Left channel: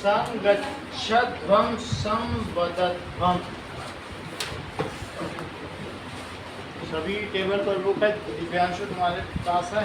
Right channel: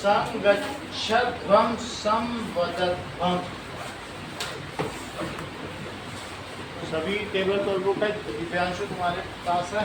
संगच्छध्वं संवदध्वं। सभी टेबल पर बुक है, दिव्यांशु तुम्हारे पास है?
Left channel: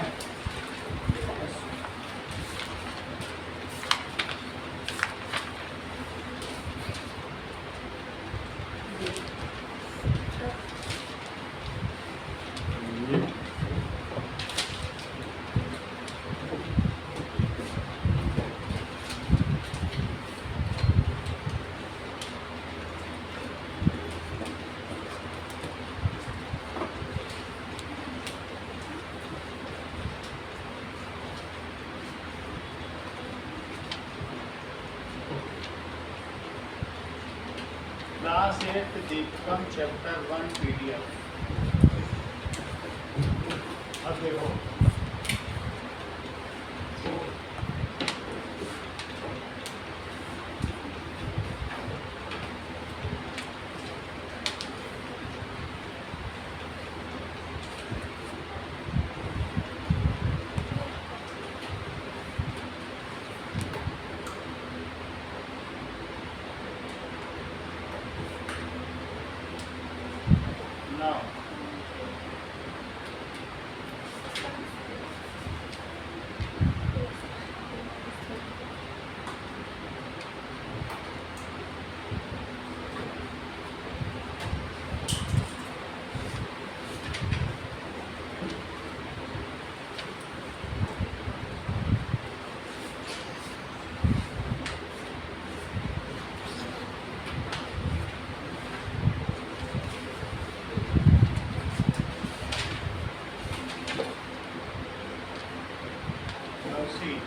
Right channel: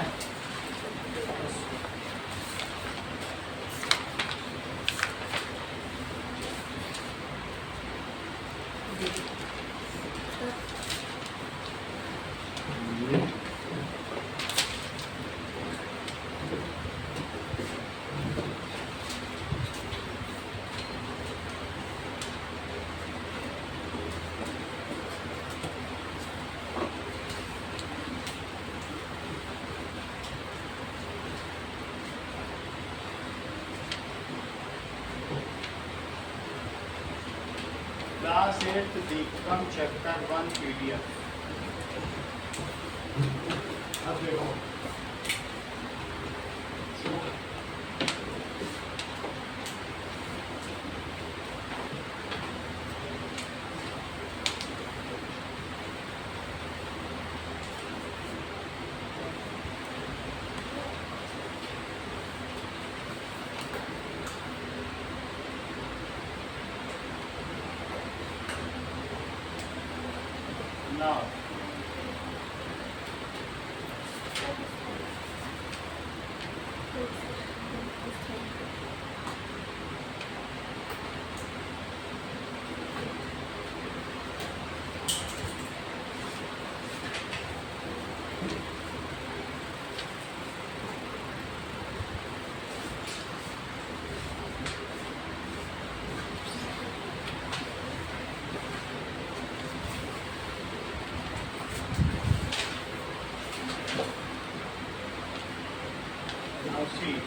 Class 8 Deepakam chapter 1 PDF. अब देखो now see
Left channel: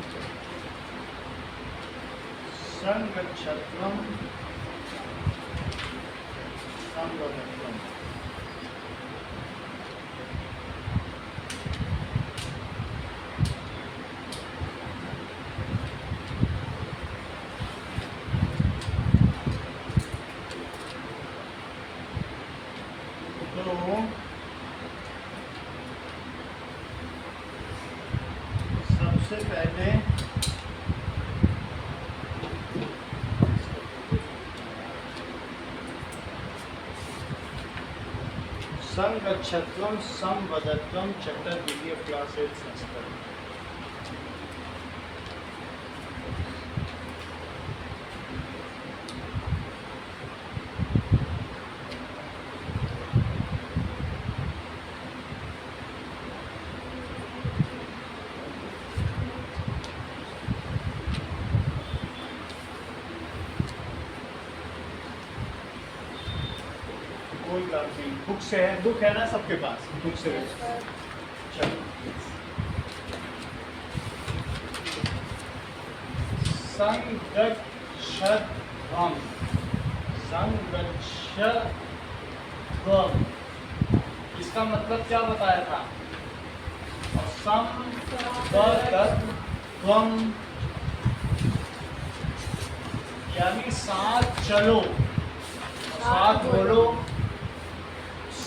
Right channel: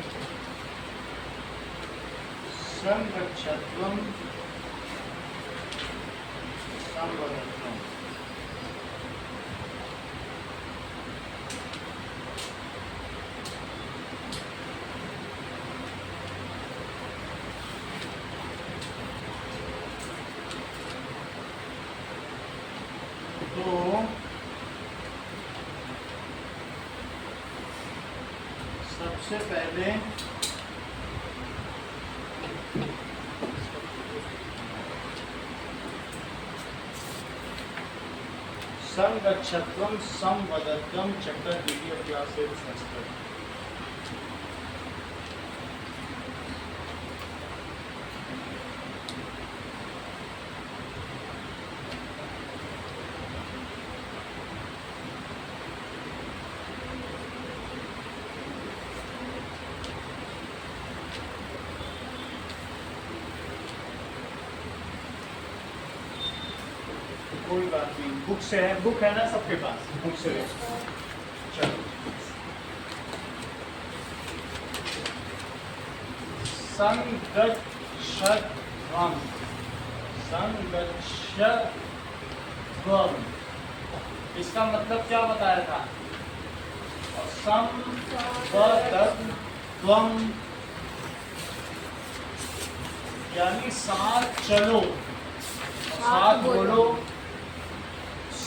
संगच्छध्वं संवदध्वं। तो सबसे पहले संगच्छध्वं संवदध्वं चैप्टर पीडीएफ क्लास 8 संस्कृत। कोई बात नहीं, बुक से है, बुक है ना सबके पास? बुक से चलो। संगच्छध्वं संगच्छध्वं, इसका मतलब क्या बताया था? और संवदध्वं यानी साथ चलो, साथ बोलो।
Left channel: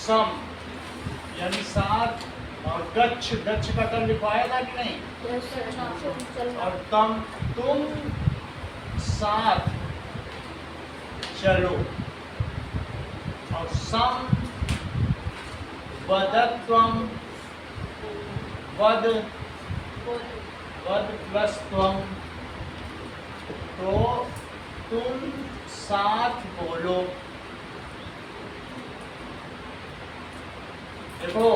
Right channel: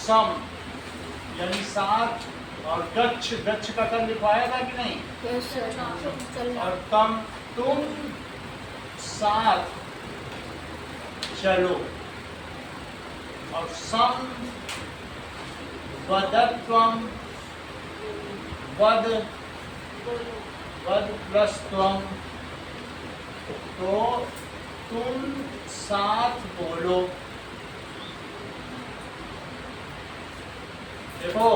सम यानी साथ, और गच्छ, गच्छ का कर लिखवाया था कि नहीं? और तम तुम साथ चलो। और सम वदत्वम, वद वद प्लस त्वम, तो तुम साथ बोलो। देखो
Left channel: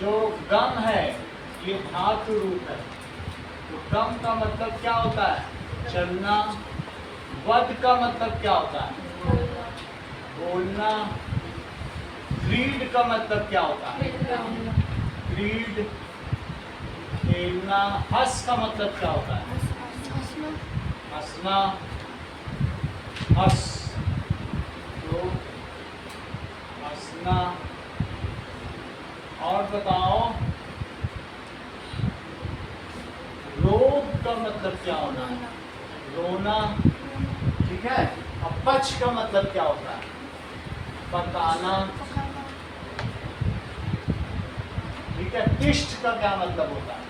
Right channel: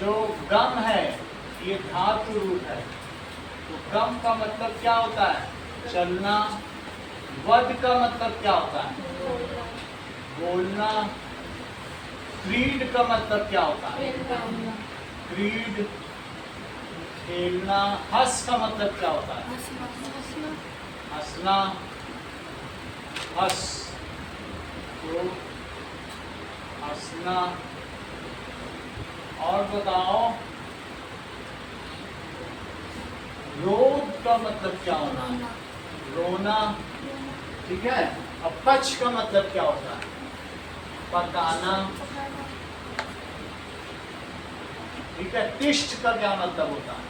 जो गम है ये धातु रूप है, तो गम का मतलब क्या होता है? चलना। वद का मतलब क्या होता है? बोलना। क्रीड का मतलब क्या होता है? क्रीड, खेलना। हंस का मतलब क्या होता है? हंसना। हंस, तो हंसना। और बताओ रोध का मतलब क्या होना है? रोना। ठीक है। अब पच का मतलब क्या होता है? पकाना। ठीक है। तिष्ठ का क्या मतलब होता है?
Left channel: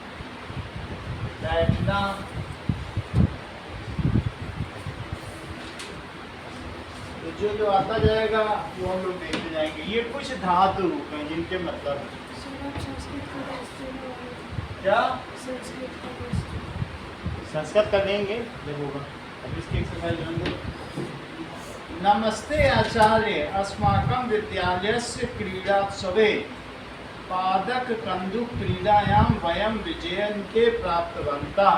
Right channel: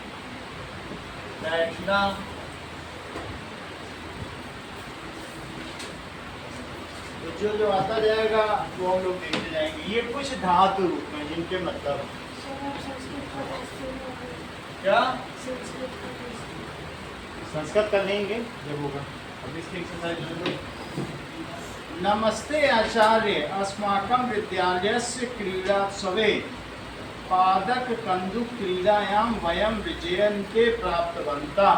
बैठना। तो जो जो आता जाएगा वो हम लोग देखते जाएंगे। ये कुछ धातु रूप हैं जिनके मतलब हैं। क्या संस्कृत कर लेंगे जब होगा, अब इसकी एक्सरसाइज होंगे। नमस्ते आचार्य, अस्माकं विद्यालयस्य क्रीडोत्सवे पादक कन्दुक क्रीडायां वयं विजयन्ते प्राप्तवन्तः।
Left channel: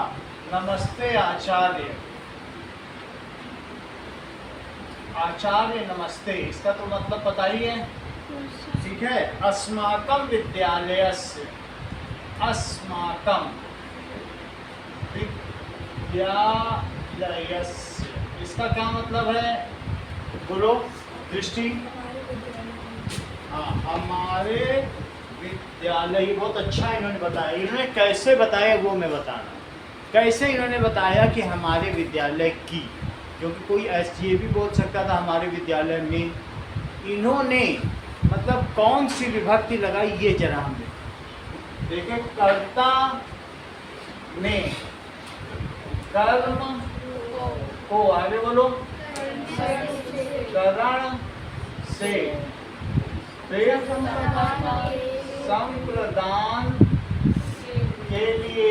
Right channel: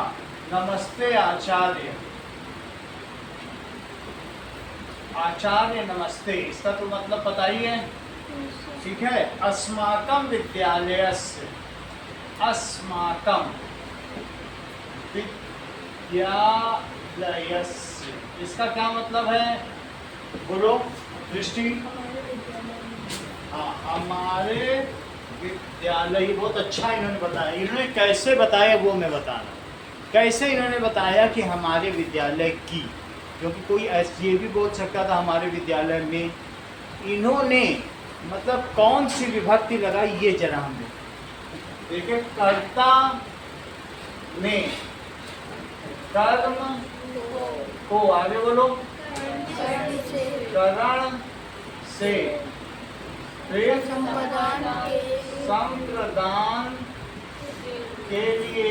नमस्ते आचार्य, आचार्य नमस्ते, इसका तो मतलब बताइए। ठीक है, अस्माकं विद्यालयस्य, अस्माकं विद्यालयस्य, इसका क्या मतलब है? बोलो दृष्टि। हाँ, हमारे विद्यालय, बहुत अच्छा इन्होंने बताया। इन्होंने कैसे बताया वो मैं बताना। कैसे इन्होंने बताया कि हमारे विद्यालय की, क्योंकि कोई ऐसे ये भी बोल सकता था हमारे विद्यालय में। इन्होंने मतलब कौन सी विभक्ति लगाई ये जरा हम देखिए। कर्ता ने कर्म को, आगे बोलो, करण से, फिर संप्रदान के लिए,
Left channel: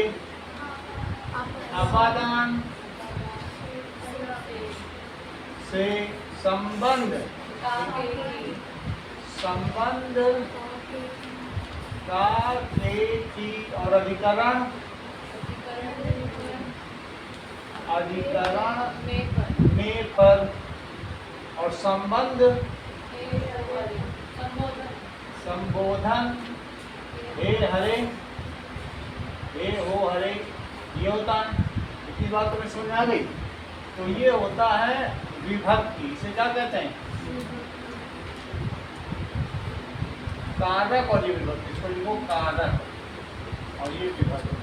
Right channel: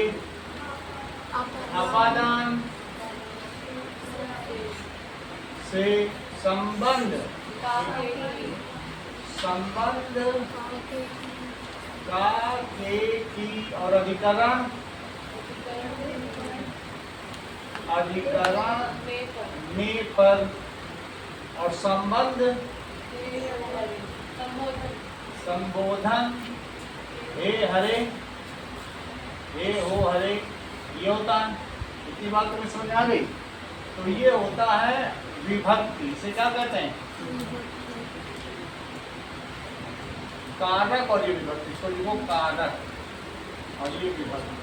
अपादान से, संबंध, संबंध का, के, की, और अधिकरण, अधिकरण में, पर, और संबंध, संबोधन, हे हरे, हे हो हरे, ये होता है। इतनी बात तुम्हें समझ आ गई? तो ये होता है विभक्ति। इसे क्या कहते हैं? कारक। और ये विभक्ति, इसको लिखो कारक, और ये विभक्ति।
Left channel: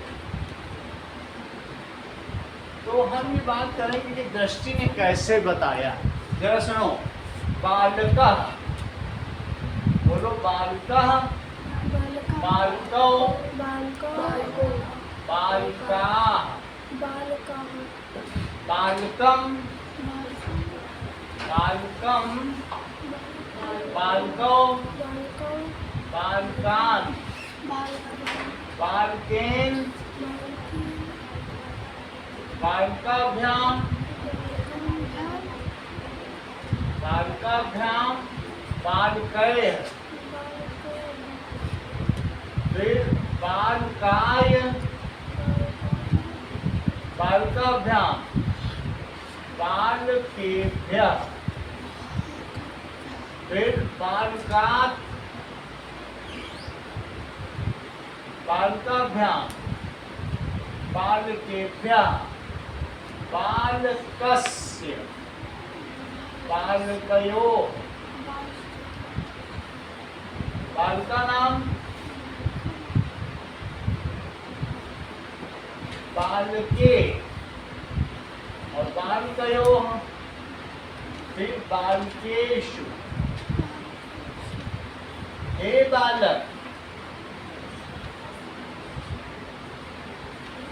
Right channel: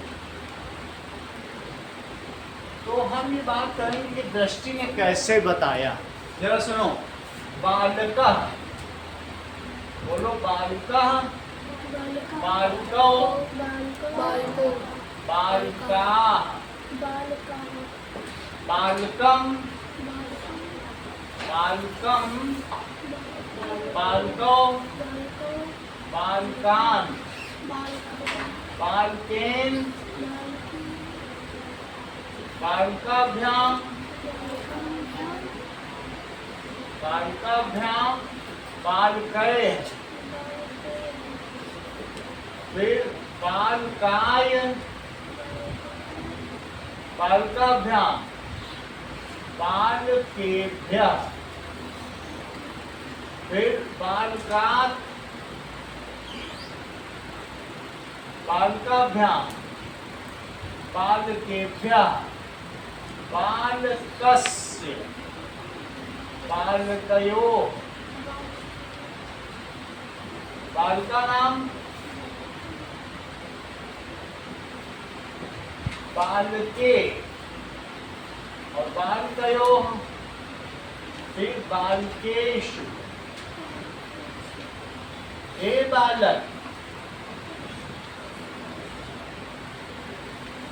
तो हम ये बात करेंगे कि दृष्टि ने कैसे बताया। जरा सुनो। बालका, बोलो बालिका, बालिको, बालिका, बालकम, बालकम, बालको, बालकान, बालकेन, बालिकाभ्याम, बालिकाभ्याम, बालकैः, फिर बालकाय, बालिकाभ्याम, बालकेभ्यः, फिर बालकात्, बालिकाभ्याम, बालकेभ्यः, बालकस्य, बालकयोः, बालिका नाम, बालके, और बालकयोः, फिर बालकेषु। हे बालक,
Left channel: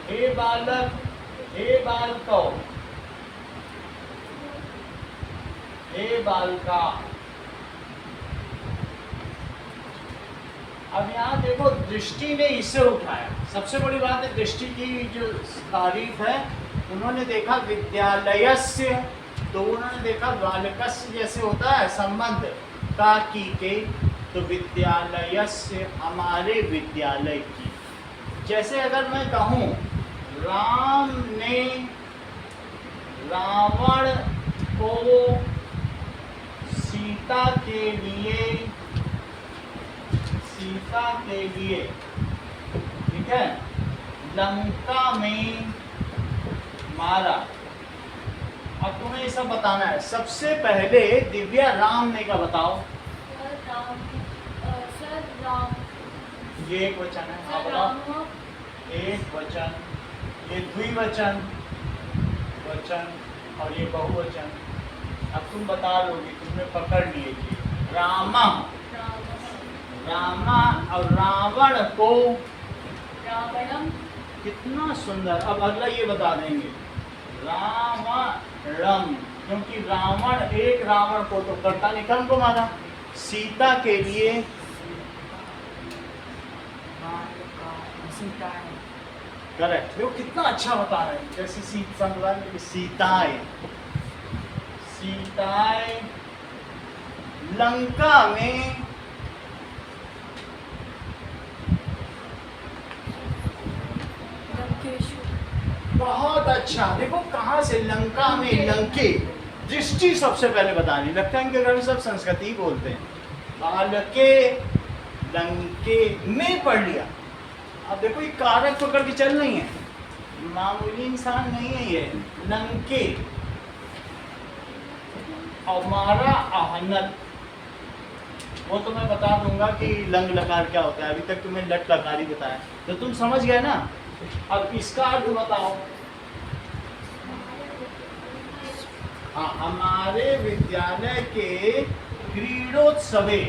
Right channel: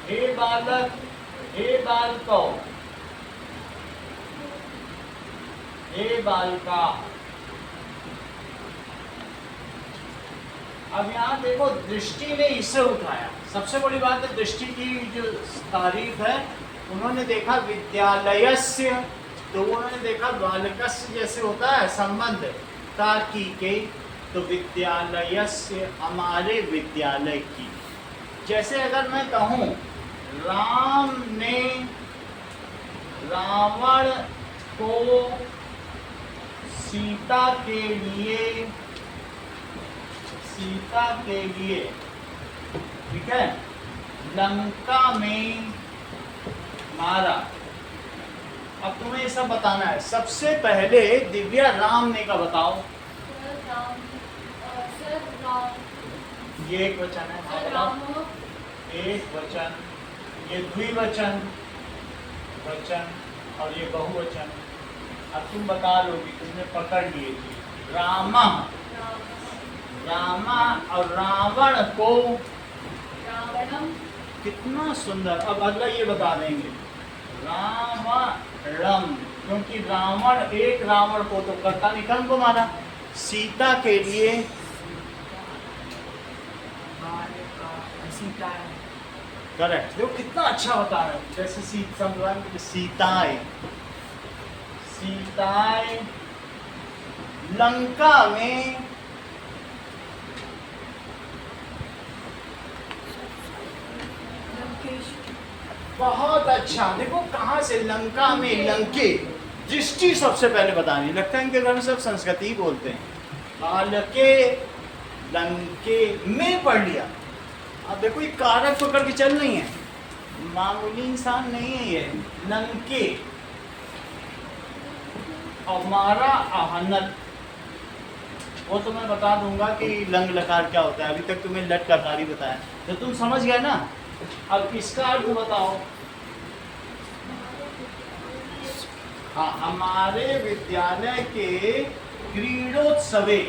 हे बालक, हे बालको, हे बालिका। अब यहाँ देखो, दृष्टि ने इसे उठाया। सबसे बड़ी बात है दृष्टि की जो तारीफ है। उन्होंने देखा विद्यालयस्य, तो उन्होंने देखा बालकस्य जैसे होता है संबंध ताकि के, तो विद्यालयस्य हमारे विद्यालय की। जैसे अगर मैं कहूँ राम ने रावण को सीता के लिए, सीता के लिए, ठीक है, लंका में मारा। अब तुम्हें ये सब बताना है। सबसे पहले दिव्या राम ने का बताओ। ये एक वचन है, हाँ बताओ। एक वचन, ये द्विवचन वचन, और ये बहुवचन। अब तुम बता लोगी, तुमने पकड़ लिए। रामा, रामा, और रावण को, रावणम। कितना सुंदर। अब अगला ये बता देंगे, राम, रम, क्योंकि रावण, एक रावण को तो कर्ता ने कर्ण को मारा। सीता के लिए करेक्ट, देखो कितना अच्छा होता है। जैसे सीताएं, सीताएं लंका में बहुत अच्छा। देखो कहाँ से, लंका में, लंके, दृष्टि सबसे पहले बतानी। लगता है इनके घर में सब संस्कृति बोलते हैं। लंके, लंके में पढ़ लिया। अब देखो ये कारक पकड़ के चल नहीं है, मामूली इंसान नहीं है ये। लंके, हमारा आहनत, वो तो मैं बता दूंगा कि लंग लकार क्या होता है। अभी तक तुम्हें लट लकार ही बताया, तो तुम समझ गए ना। अब इसका अर्थ बताओ। हाँ, हमारे विद्यालय के क्रीडोत्सवे,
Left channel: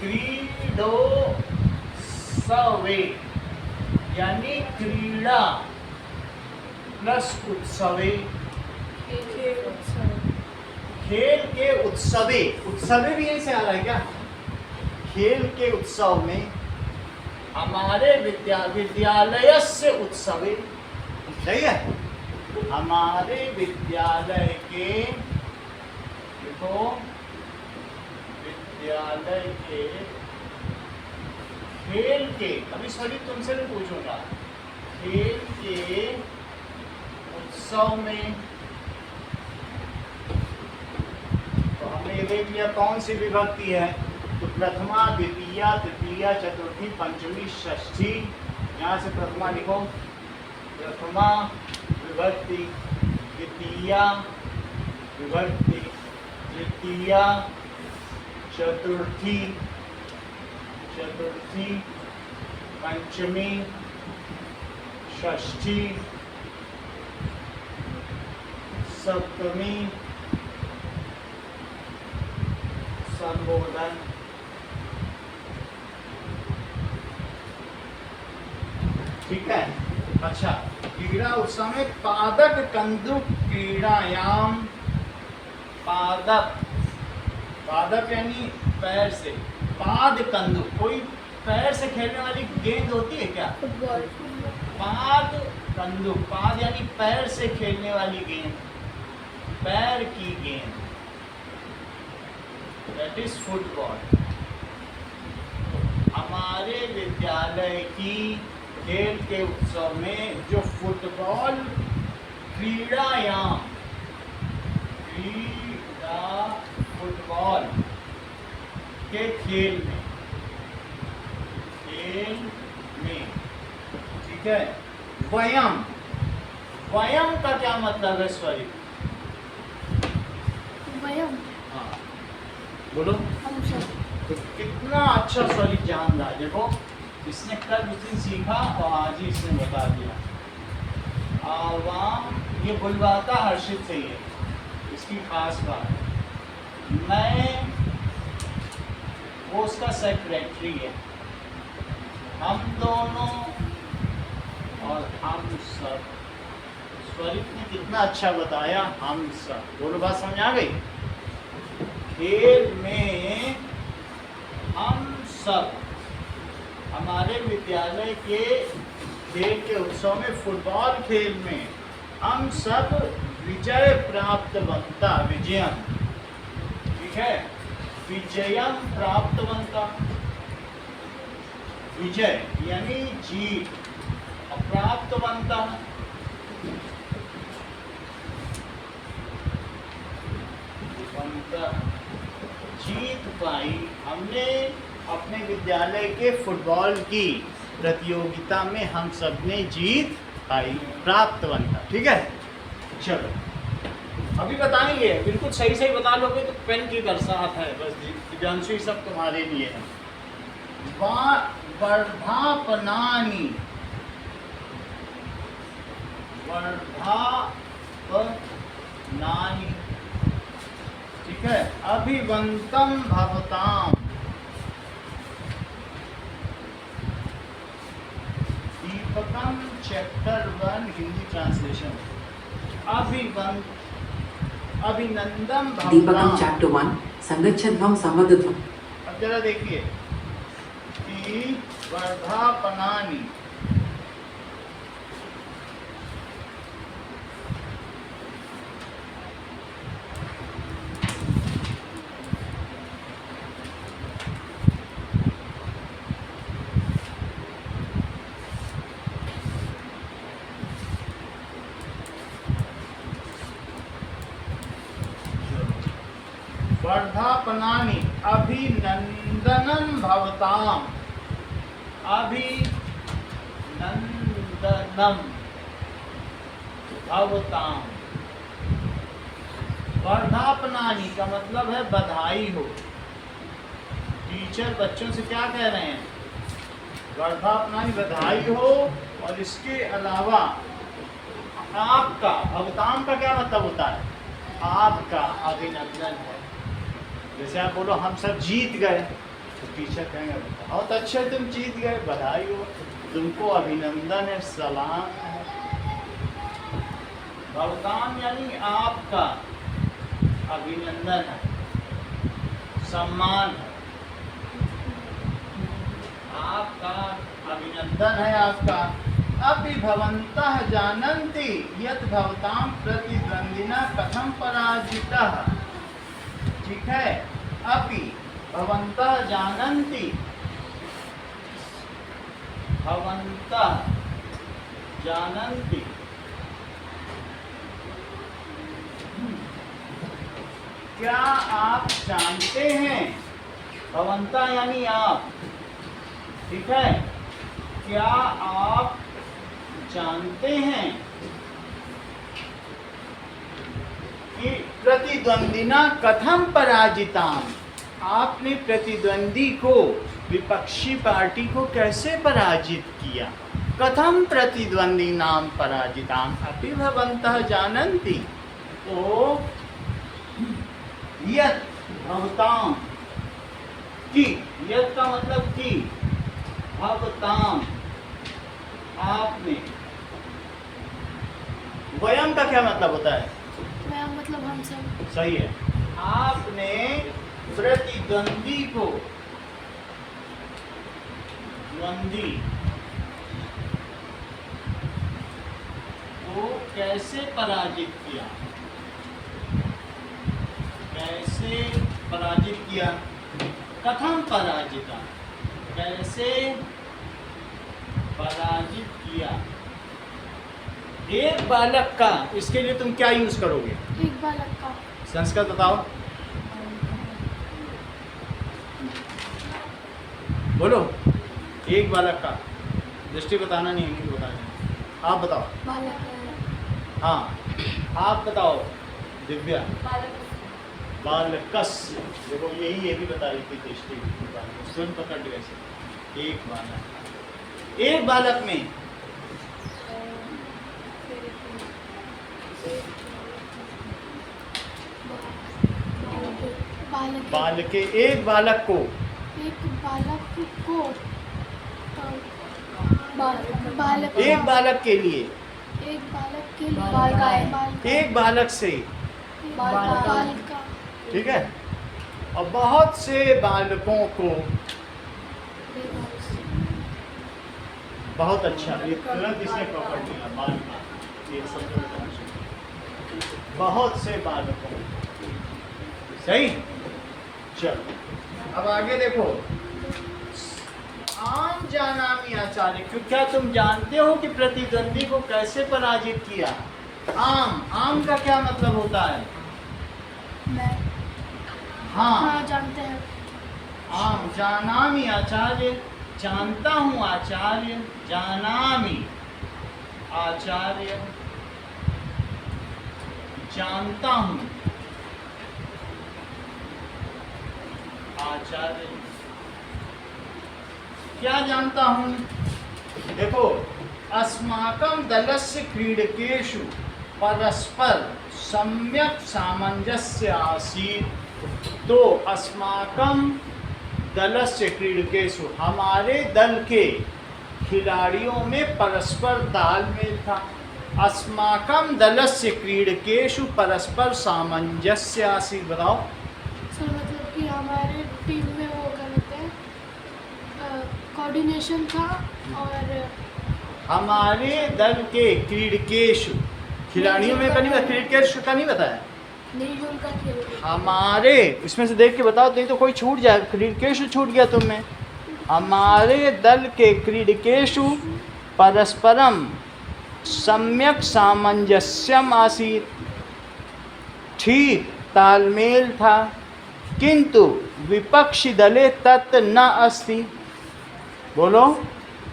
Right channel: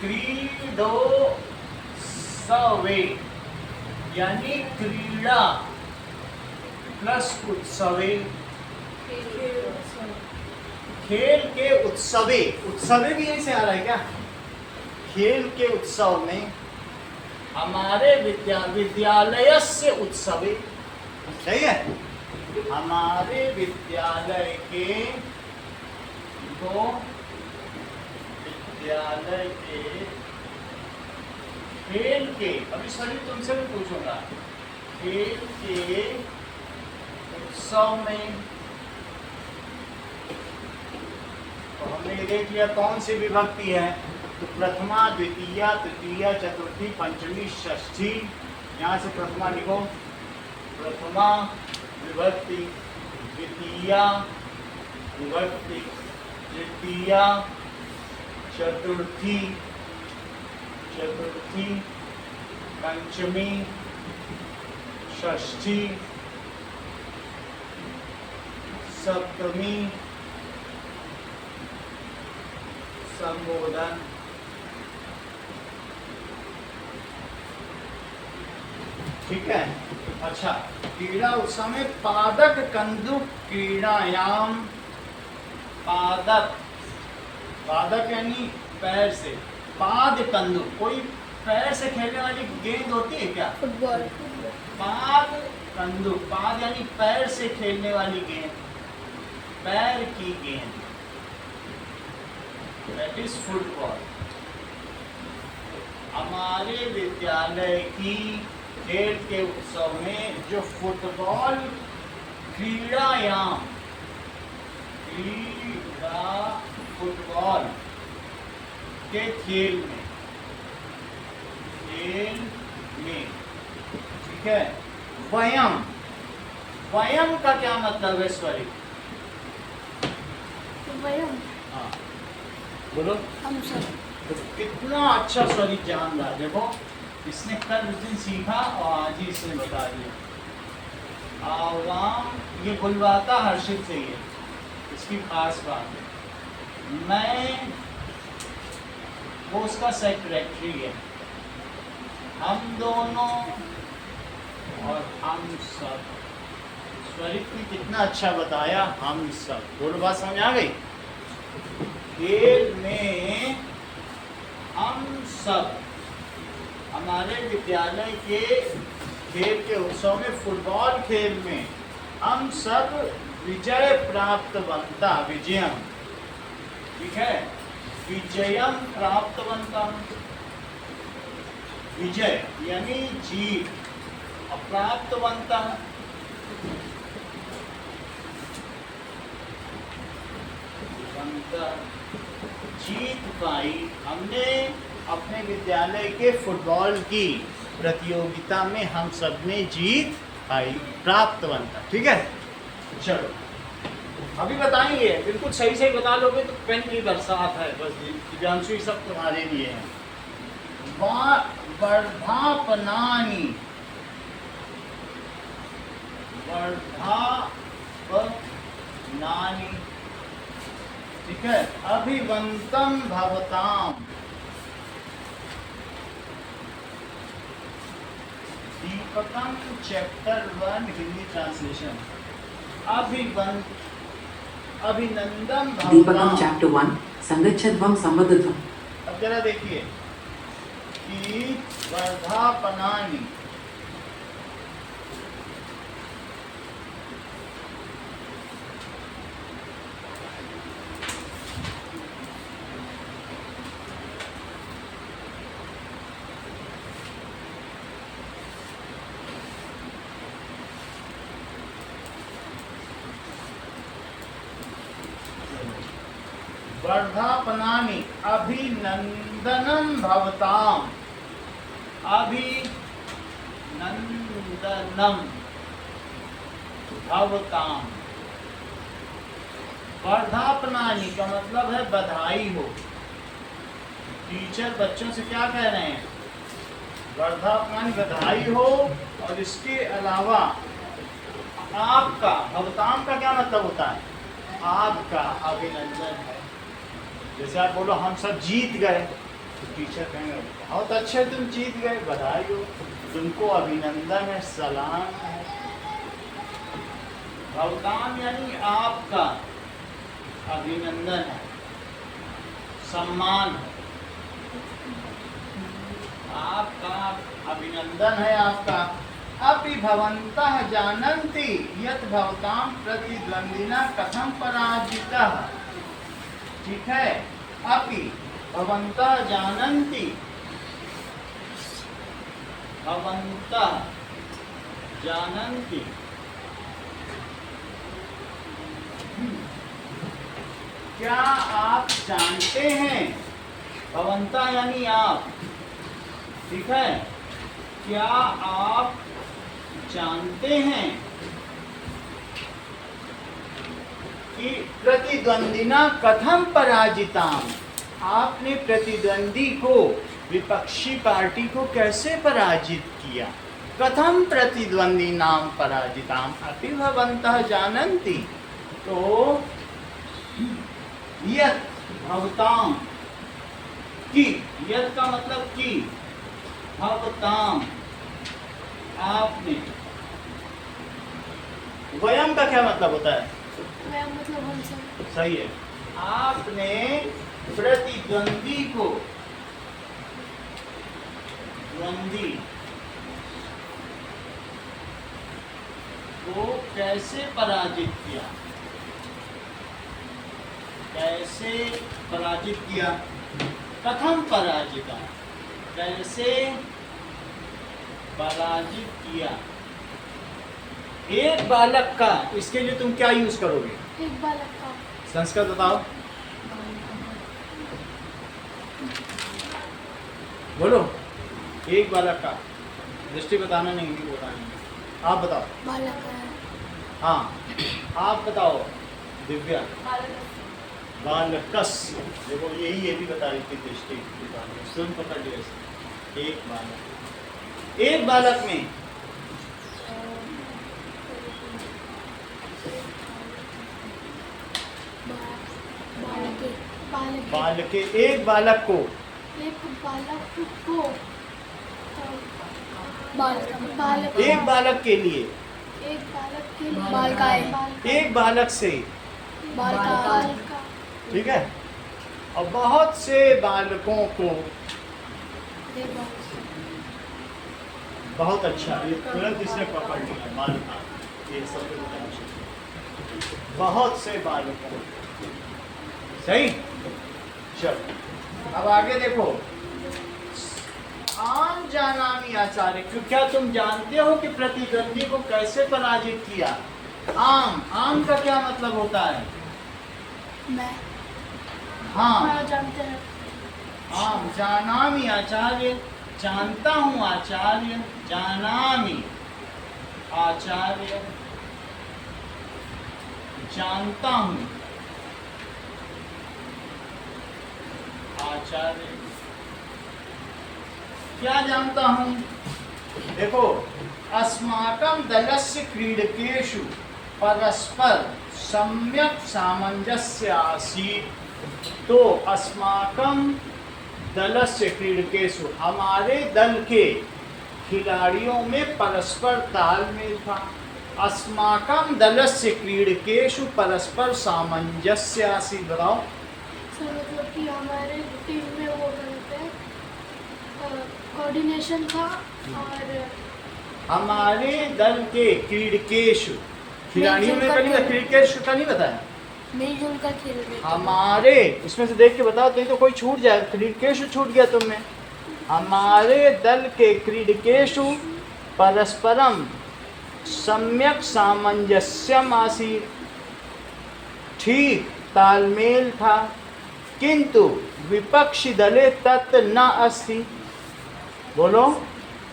क्रीडोत्सवे यानी क्रीड़ा प्लस उत्सवे, खेल के उत्सवे, उत्सवे भी यहीं से आ रहा है क्या? खेल के उत्सव में, हमारे विद्यालय से उत्सवे, सही है। हमारे विद्यालय के, देखो विद्यालय के खेल के, अभी सभी तुमसे भी पूछूंगा, खेल के उत्सव में, तो हमने ये देख लिया कौन सी विभक्ति है। तो प्रथमा, द्वितीया, तृतीया, चतुर्थी, पंचमी, षष्ठी। यहाँ से प्रथमा लिखो, प्रथमा विभक्ति, द्वितीया विभक्ति, तृतीया, चतुर्थी, चतुर्थी, पंचमी, षष्ठी, सप्तमी, संबोधन। ठीक है। अच्छा, क्रीड़ा उत्सव में पादक कंदुक क्रीड़ायाम, पादक, पादक यानी पैर से, पाद कंदुक, कोई पैर से खेलने वाली गेंद होती है क्या? फुटबॉल। पाद कंदुक, पाद यानी पैर से खेलने वाली गेंद, पैर की गेंद, दैट इज फुटबॉल। हमारे विद्यालय की खेल के उत्सव में जो फुटबॉल क्रीड़ायाम, क्रीड़ा फुटबॉल के खेल में, खेल में, ठीक है। वयम, वयम का क्या मतलब है स्वरी? वयम, हाँ बोलो। हम सब। तो कितना अच्छा स्वरी जान रहा, देखो इसने कल उस दिन सीखा और आज ही इसने बता दिया। आवाम, ये बुलवाता हर्षित से ही है, इसकी खास बात है। मैं, वो उसका सेक्रेटरी है। हम दोनों और हम सब, स्वरित ने कितना अच्छा बताया, हम सब, दोनों बात समझ आ गई। खेल में हम सब, हमारे विद्यालय के खेल के उत्सव में, फुटबॉल खेल में हम सब विजय प्राप्तवंता, विजयम, ठीक है, विजयम प्राप्तवंता, विजय यानी जीत, और प्राप्तवंता जीत पाई, हमने अपने विद्यालय के फुटबॉल की प्रतियोगिता में हम सब ने जीत पाई, प्राप्तवंता। ठीक है, चलो अभी बताएंगे, बिल्कुल सही सही बता लोगे तो पेन की बरसात है, बस दिव्यांशु ये सब तुम्हारे लिए है। वर्धापनानि, वर्धापनानि, ठीक है। अभिवंतम भवताम, दीपकम चैप्टर 1 हिंदी ट्रांसलेशन। अभिनंदन Deepakam भवताम। chapter 1 Sangachadvam Samvadadvam. अब जरा देखिए कि वर्धापनानि, वर्धापनानि अभिनंदनं भवताम। अभिनंदनम भवताम। वर्धापनानि का मतलब है बधाई हो। टीचर बच्चों से क्या कह रहे हैं? वर्धापनानि बधाई हो। और इसके अलावा आपका, भवताम का क्या मतलब होता है? आपका अभिनंदन है। जैसे आप बोलो हम सब जीत गए, तो टीचर कहेंगे बहुत अच्छे तुम जीत गए, बधाई हो, तुमको अभिनंदन है, सलाम है। भवताम यानी आपका अभिनंदन है, सम्मान है, आपका अभिनंदन है आपका। अपि भवन्तः जानन्ति यत् भवतां प्रतिद्वंदिना कथं पराजितः। ठीक है, अपि भवन्तः जानन्ति, भवन्तः जानन्ति, क्या आप जानते हैं? भवन्तः यानी आप, ठीक है, क्या आप जानते हैं कि प्रतिद्वंदिना कथम पराजिताम, आपने प्रतिद्वंदी को, विपक्षी पार्टी को कैसे पराजित किया? कथम प्रतिद्वंदी नाम पराजिताम अपि भवन्तः जानन्ति। तो यत् भवताम की, यत् का मतलब की, भवताम आपने, वयम का क्या मतलब होता है? वयम मतलब हम सब। सही है, आपने प्रतिद्वंदी को, द्वंदी को कैसे पराजित किया? कैसे पराजित किया? कथम पराजिता, कैसे पराजित किया? एक बालक का, इसके लिए तुम क्या यूज करोगे? एक बालक का। संस्कृत बताओ, बोलो। एक बालक का, दृष्टि बताना नहीं, हिंदी बताना। आप बताओ। बालक है। हाँ, आप बताओ दिव्या। बालकस, देखो यही ये भी बता रही थी दृष्टि, स्वयं पकड़ लिया। एक बालक, एक बालक में बालक, एक बालक को, एक बालक को, एक बालक के लिए, एक बालक के लिए, एक बालक से, ठीक है, और बहुत से बालकों को। बहुत अच्छा, ये तुरंत इसने पकड़ लिया, बालक, ये सब बताना चाहिए। बहुत से बालकों, सही। चलो अब आगे देखो, आम जानामि आचार्य, क्यों, क्या तुम जानते हो कि प्रतिद्वंदी को कैसे पराजित किया? आम, आम का क्या मतलब होता है? मैं। हाँ, जानते हैं। आम, जानामि आचार्य, जानता हूँ आचार्य, जानामि आचार्य, जानता हूँ आचार्य। क्या जानता हूँ? देखो, अस्माकं दलस्य क्रीडकेषु परस्पर सम्यक सामंजस्य आसीत्। तो अस्माकं दलस्य क्रीडकेषु, हमारे दल के खिलाड़ियों में परस्पर तालमेल था। अस्माकं दलस्य क्रीडकेषु परस्पर सामंजस्य आसीत्। बताओ। सर मतलब कि हमारे टीम में वो करते हैं कोऑर्डिनेशन था और हमारे दल के क्रीडकेषु, खिलाड़ियों में का नहीं बताया, क्रीडकेषु का नहीं बताया, मिलजुल कर खेल रहे हमारे, इसमें से देख के बताओ, नहीं तो कोई छूट जाए, क्रीडकेषु छूट गया तुम में। हमारे दल के क्रीडकेषु परस्परम सम्यक सामंजस्यम आसीत्, ठीक तालमेल था, किंतु विपक्षी दले तत् न अस्ति। बोलो।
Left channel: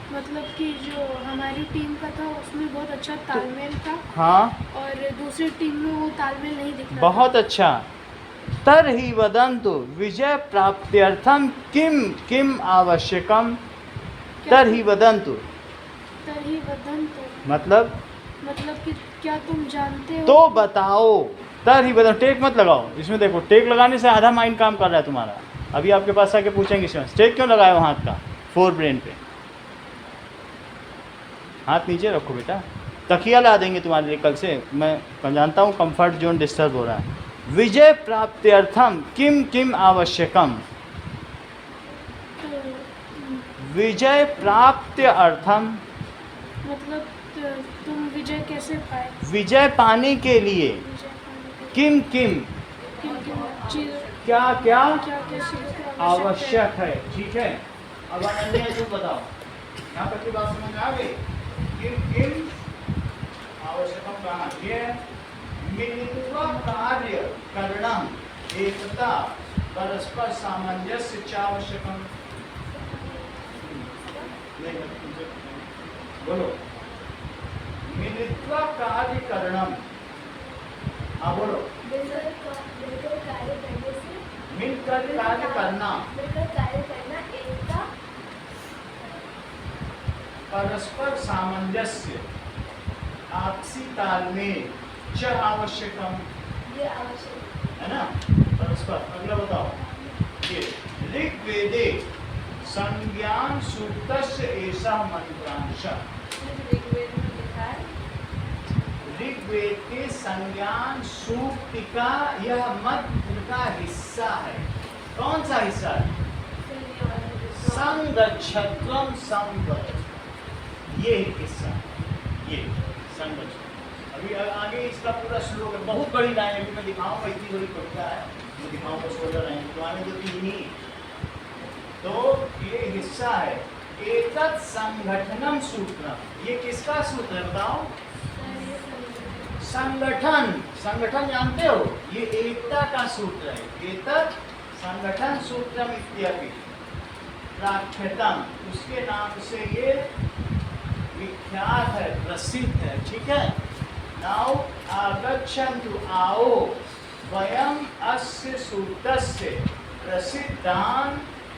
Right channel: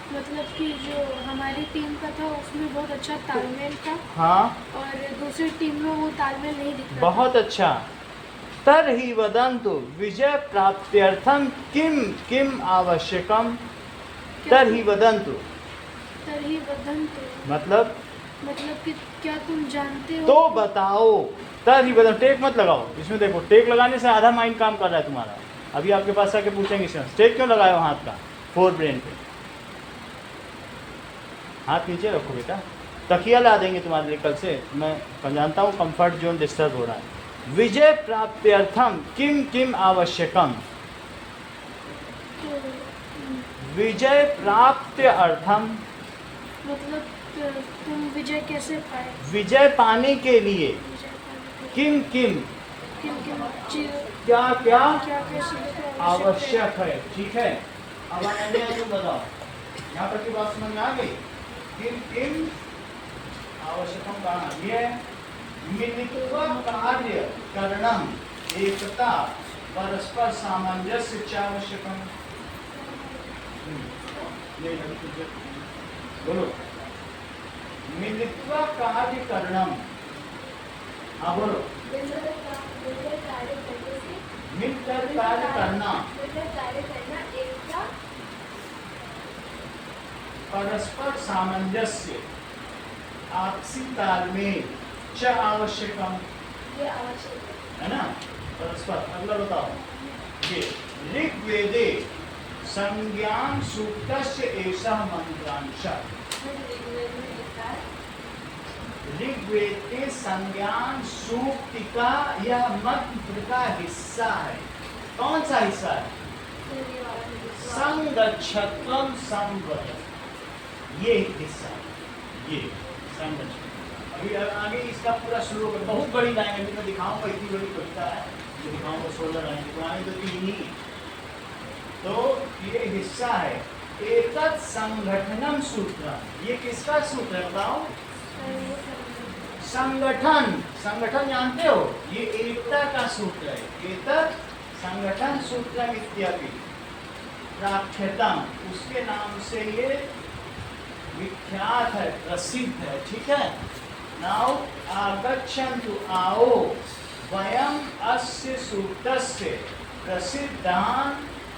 मतलब कि जो हमारी टीम का था उसमें बहुत अच्छा तालमेल था हाँ, और दूसरी टीम में वो तालमेल नहीं दिख रहा बहुत अच्छा। तर्हि वदन्तु विजय प्राप्त्यर्थम किम किम आवश्यकम। तर्हि वदन्तु तरही वदन तो मतलब कि क्या तुम जानते हो तो बताओ। तर्हि वदन्तु, टेक मत लगाओ इसमें, देखो टेक लगाने से आधा माइंड काम कर रहा है तुम्हारा। अभी आपके पास आके पूछेंगे इसमें टेक क्यों लगाए हो हाथ का, फोर ब्रेन पे। हाथ नीचे रखो बेटा, तकिया ला देंगे तुम्हारे लिए कल से। मैं जानता हूँ कंफर्ट जोन डिस्टर्ब हो रहा है। विजय प्राप्त्यर्थम किम किम आवश्यकम। तो विजय प्राप्त्य अर्थम, मतलब तुम विजय कैसे पाए, विजय पाने के लिए विजय पाने के किम किम किन किन चीज क्या क्या क्या क्या चीजें आवश्यक है। ठीक है, अब अन्य तुम बताओ, यहाँ तक की बात समझ में आ गई। किम किम आवश्यकम कहा, ये मिलित्व कार्य करणम, एकता परस्पर सामंजस्य च आवश्यकम। बोलो। मिलित्व कार्य करणम, हाँ बोलो। मिलकर कार्य करने से, मिलकर कार्य करना, मिलकर कार्य करना, एकता परस्पर सामंजस्य, आपसी तालमेल च आवश्यकम, ये आवश्यक है ना, परस्पर। अगला बताओ, ये ऋग्वेदे संज्ञान सूक्तस्य एषः मंत्रांशः। ऋग्वेद में लिखा है। ऋग्वेद के संज्ञान सूक्त का यह मंत्र का हिस्सा है। कौन सा हिस्सा है? संगच्छत्वम संवद, ये हिस्सा, ये संगच्छत्व। अभी आगे इसका पूरा श्लोक है, बहुत बड़ी लाइन है, अभी मैं दिखाऊंगा, इतनी बड़ी कविता है, जो दिखाऊंगा 16 लाइन, तो आगे तो 3 ही। तो ये हिस्सा है, एतत् संगठनम सूत्रम। ये किसका सूत्र है बताओ? संगठन, संगठन जानते हो, ये एकता का सूत्र है। एतत् संगठन सूत्रम इत्यादि प्राख्यातम, उसके नाम से ये विख्यात है, प्रसिद्ध है। ठीक है। नाउ आगच्छन्तु, आओ, वयम अस्य सूत्रस्य प्रसिद्धान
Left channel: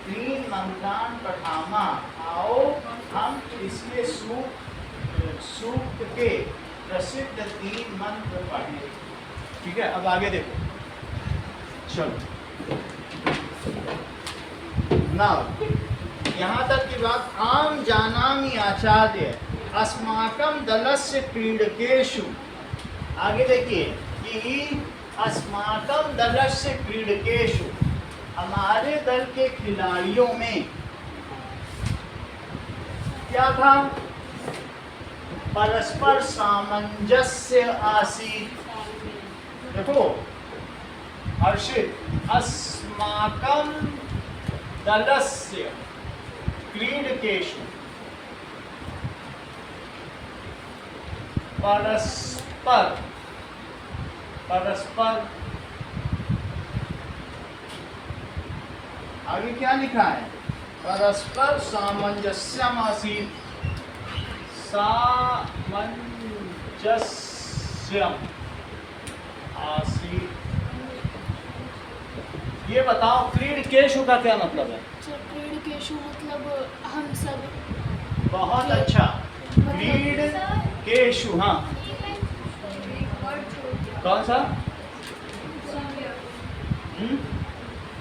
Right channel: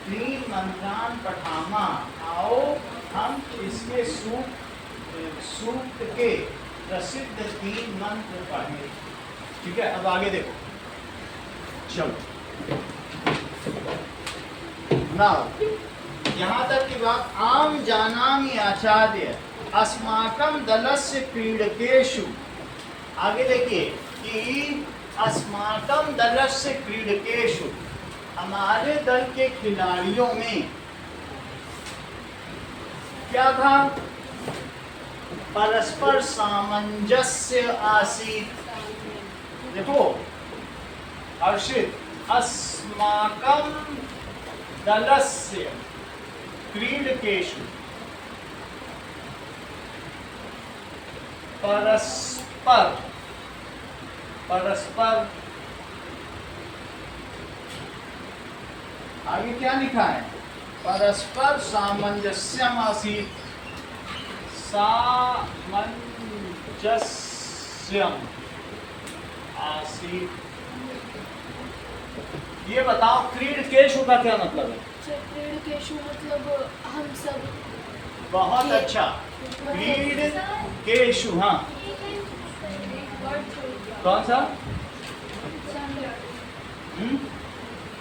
3 मंत्रान पठामा। आओ हम इसके सूक्त के प्रसिद्ध 3 मंत्र पढ़ें। ठीक है, अब आगे देखो, चलो। नाउ यहाँ तक की बात, आम जानामि आचार्य अस्माकं दलस्य क्रीडकेषु। आगे देखिए कि अस्माकं दलस्य क्रीडकेषु, हमारे दल के खिलाड़ियों में क्या था? परस्पर सामंजस्य आसीत्। देखो हर्षित, अस्माकं दलस्य क्रीडकेषु परस्पर, परस्पर, आगे क्या लिखा है? परस्पर सामंजस्यम आसीत्, सामंजस्यम आसीत्। ये बताओ क्रीडकेषु का क्या मतलब है? क्रीडकेषु मतलब हम सब। बहुत अच्छा, क्रीडकेषु। हाँ, कौन सा?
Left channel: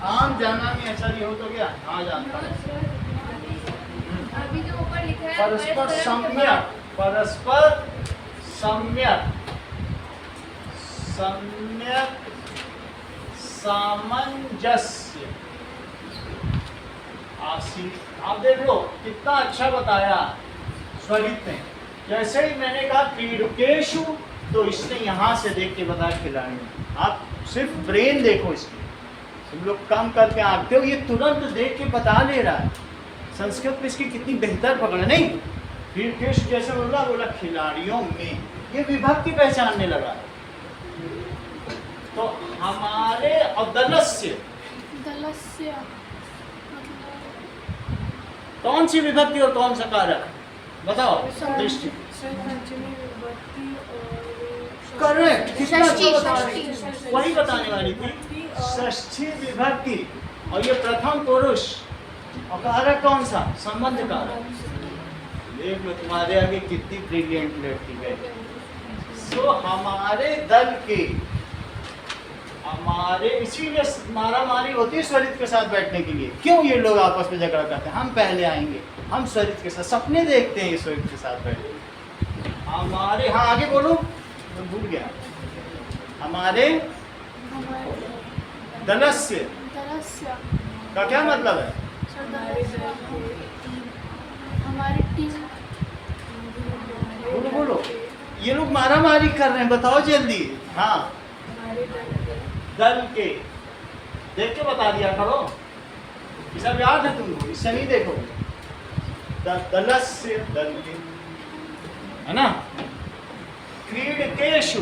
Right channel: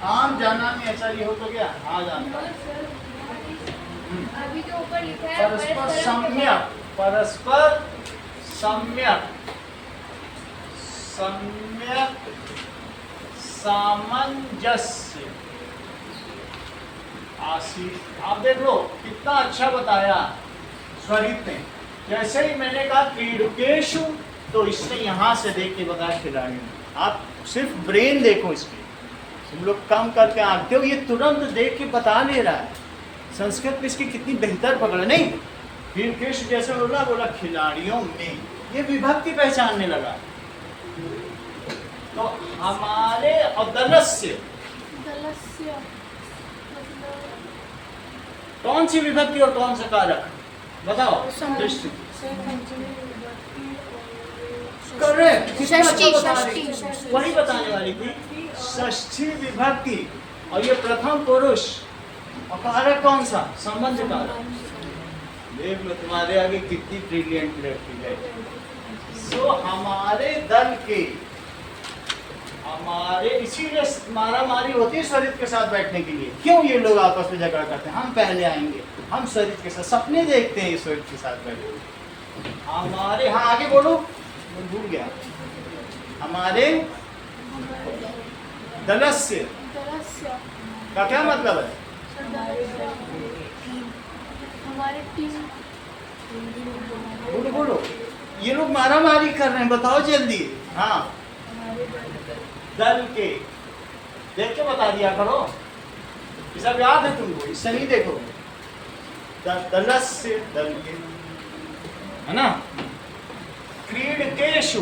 आम जाना में ऐसा ही हो तो क्या? हाँ जानता हूँ। अभी जो ऊपर लिखा है परस्पर सम्यक, परस्पर सम्यक सम्यक सामंजस्य आसीत। आप देख लो कितना अच्छा बताया स्वरित ने। जैसे ही मैंने कहा क्रीडकेशु, तो इसने यहाँ से देख के बताया खिलाड़ियों। आप सिर्फ ब्रेन देखो इसकी, तुम लोग कम करके आते हो, ये तुरंत देख के बता ले रहा है। संस्कृत में इसकी कितनी बेहतर पकड़ है, नहीं? क्रीडकेशु जैसे बोला खिलाड़ियों में, ये विभक्ति पहचानने लगा। तो हमारे और दलस्य दलस्य कौन सी विभक्ति और कौन सा कारक बताओ? दृष्टि करेक्ट, कितना अच्छा बता रही थी, वही बताने वाली थी। षष्ठी विभक्ति, और ये प्रथम पुरुष, और कारक कौन सा? संबंध कारक। देख लो तुम्हारे आगे कितनी ब्रिलियंट लड़की है। सो हमारे दल के, हमारे इसीलिए मारामारी होती है स्वरित के साथ बैठने के लिए। क्यों ये लोग आपस में झगड़ा करते हैं? हम पहले आएंगे, हम स्वरित के साथ सपने देखते हैं, ये स्वरित के साथ बैठे हमारे। हाँ आगे बोलो, मैं भूल गया। हमारे दलस्य दलस्य का क्या मतलब है? हमारी टीम। बोलो बोलो, ये लोग मारामारी कर रहे हैं, बताओ जल्दी। हाँ दल के, देख के बता दिया करो, ये सब याद है तुमको, इससे नहीं देखो। दलस्य दल के, है ना? क्रीडकेशु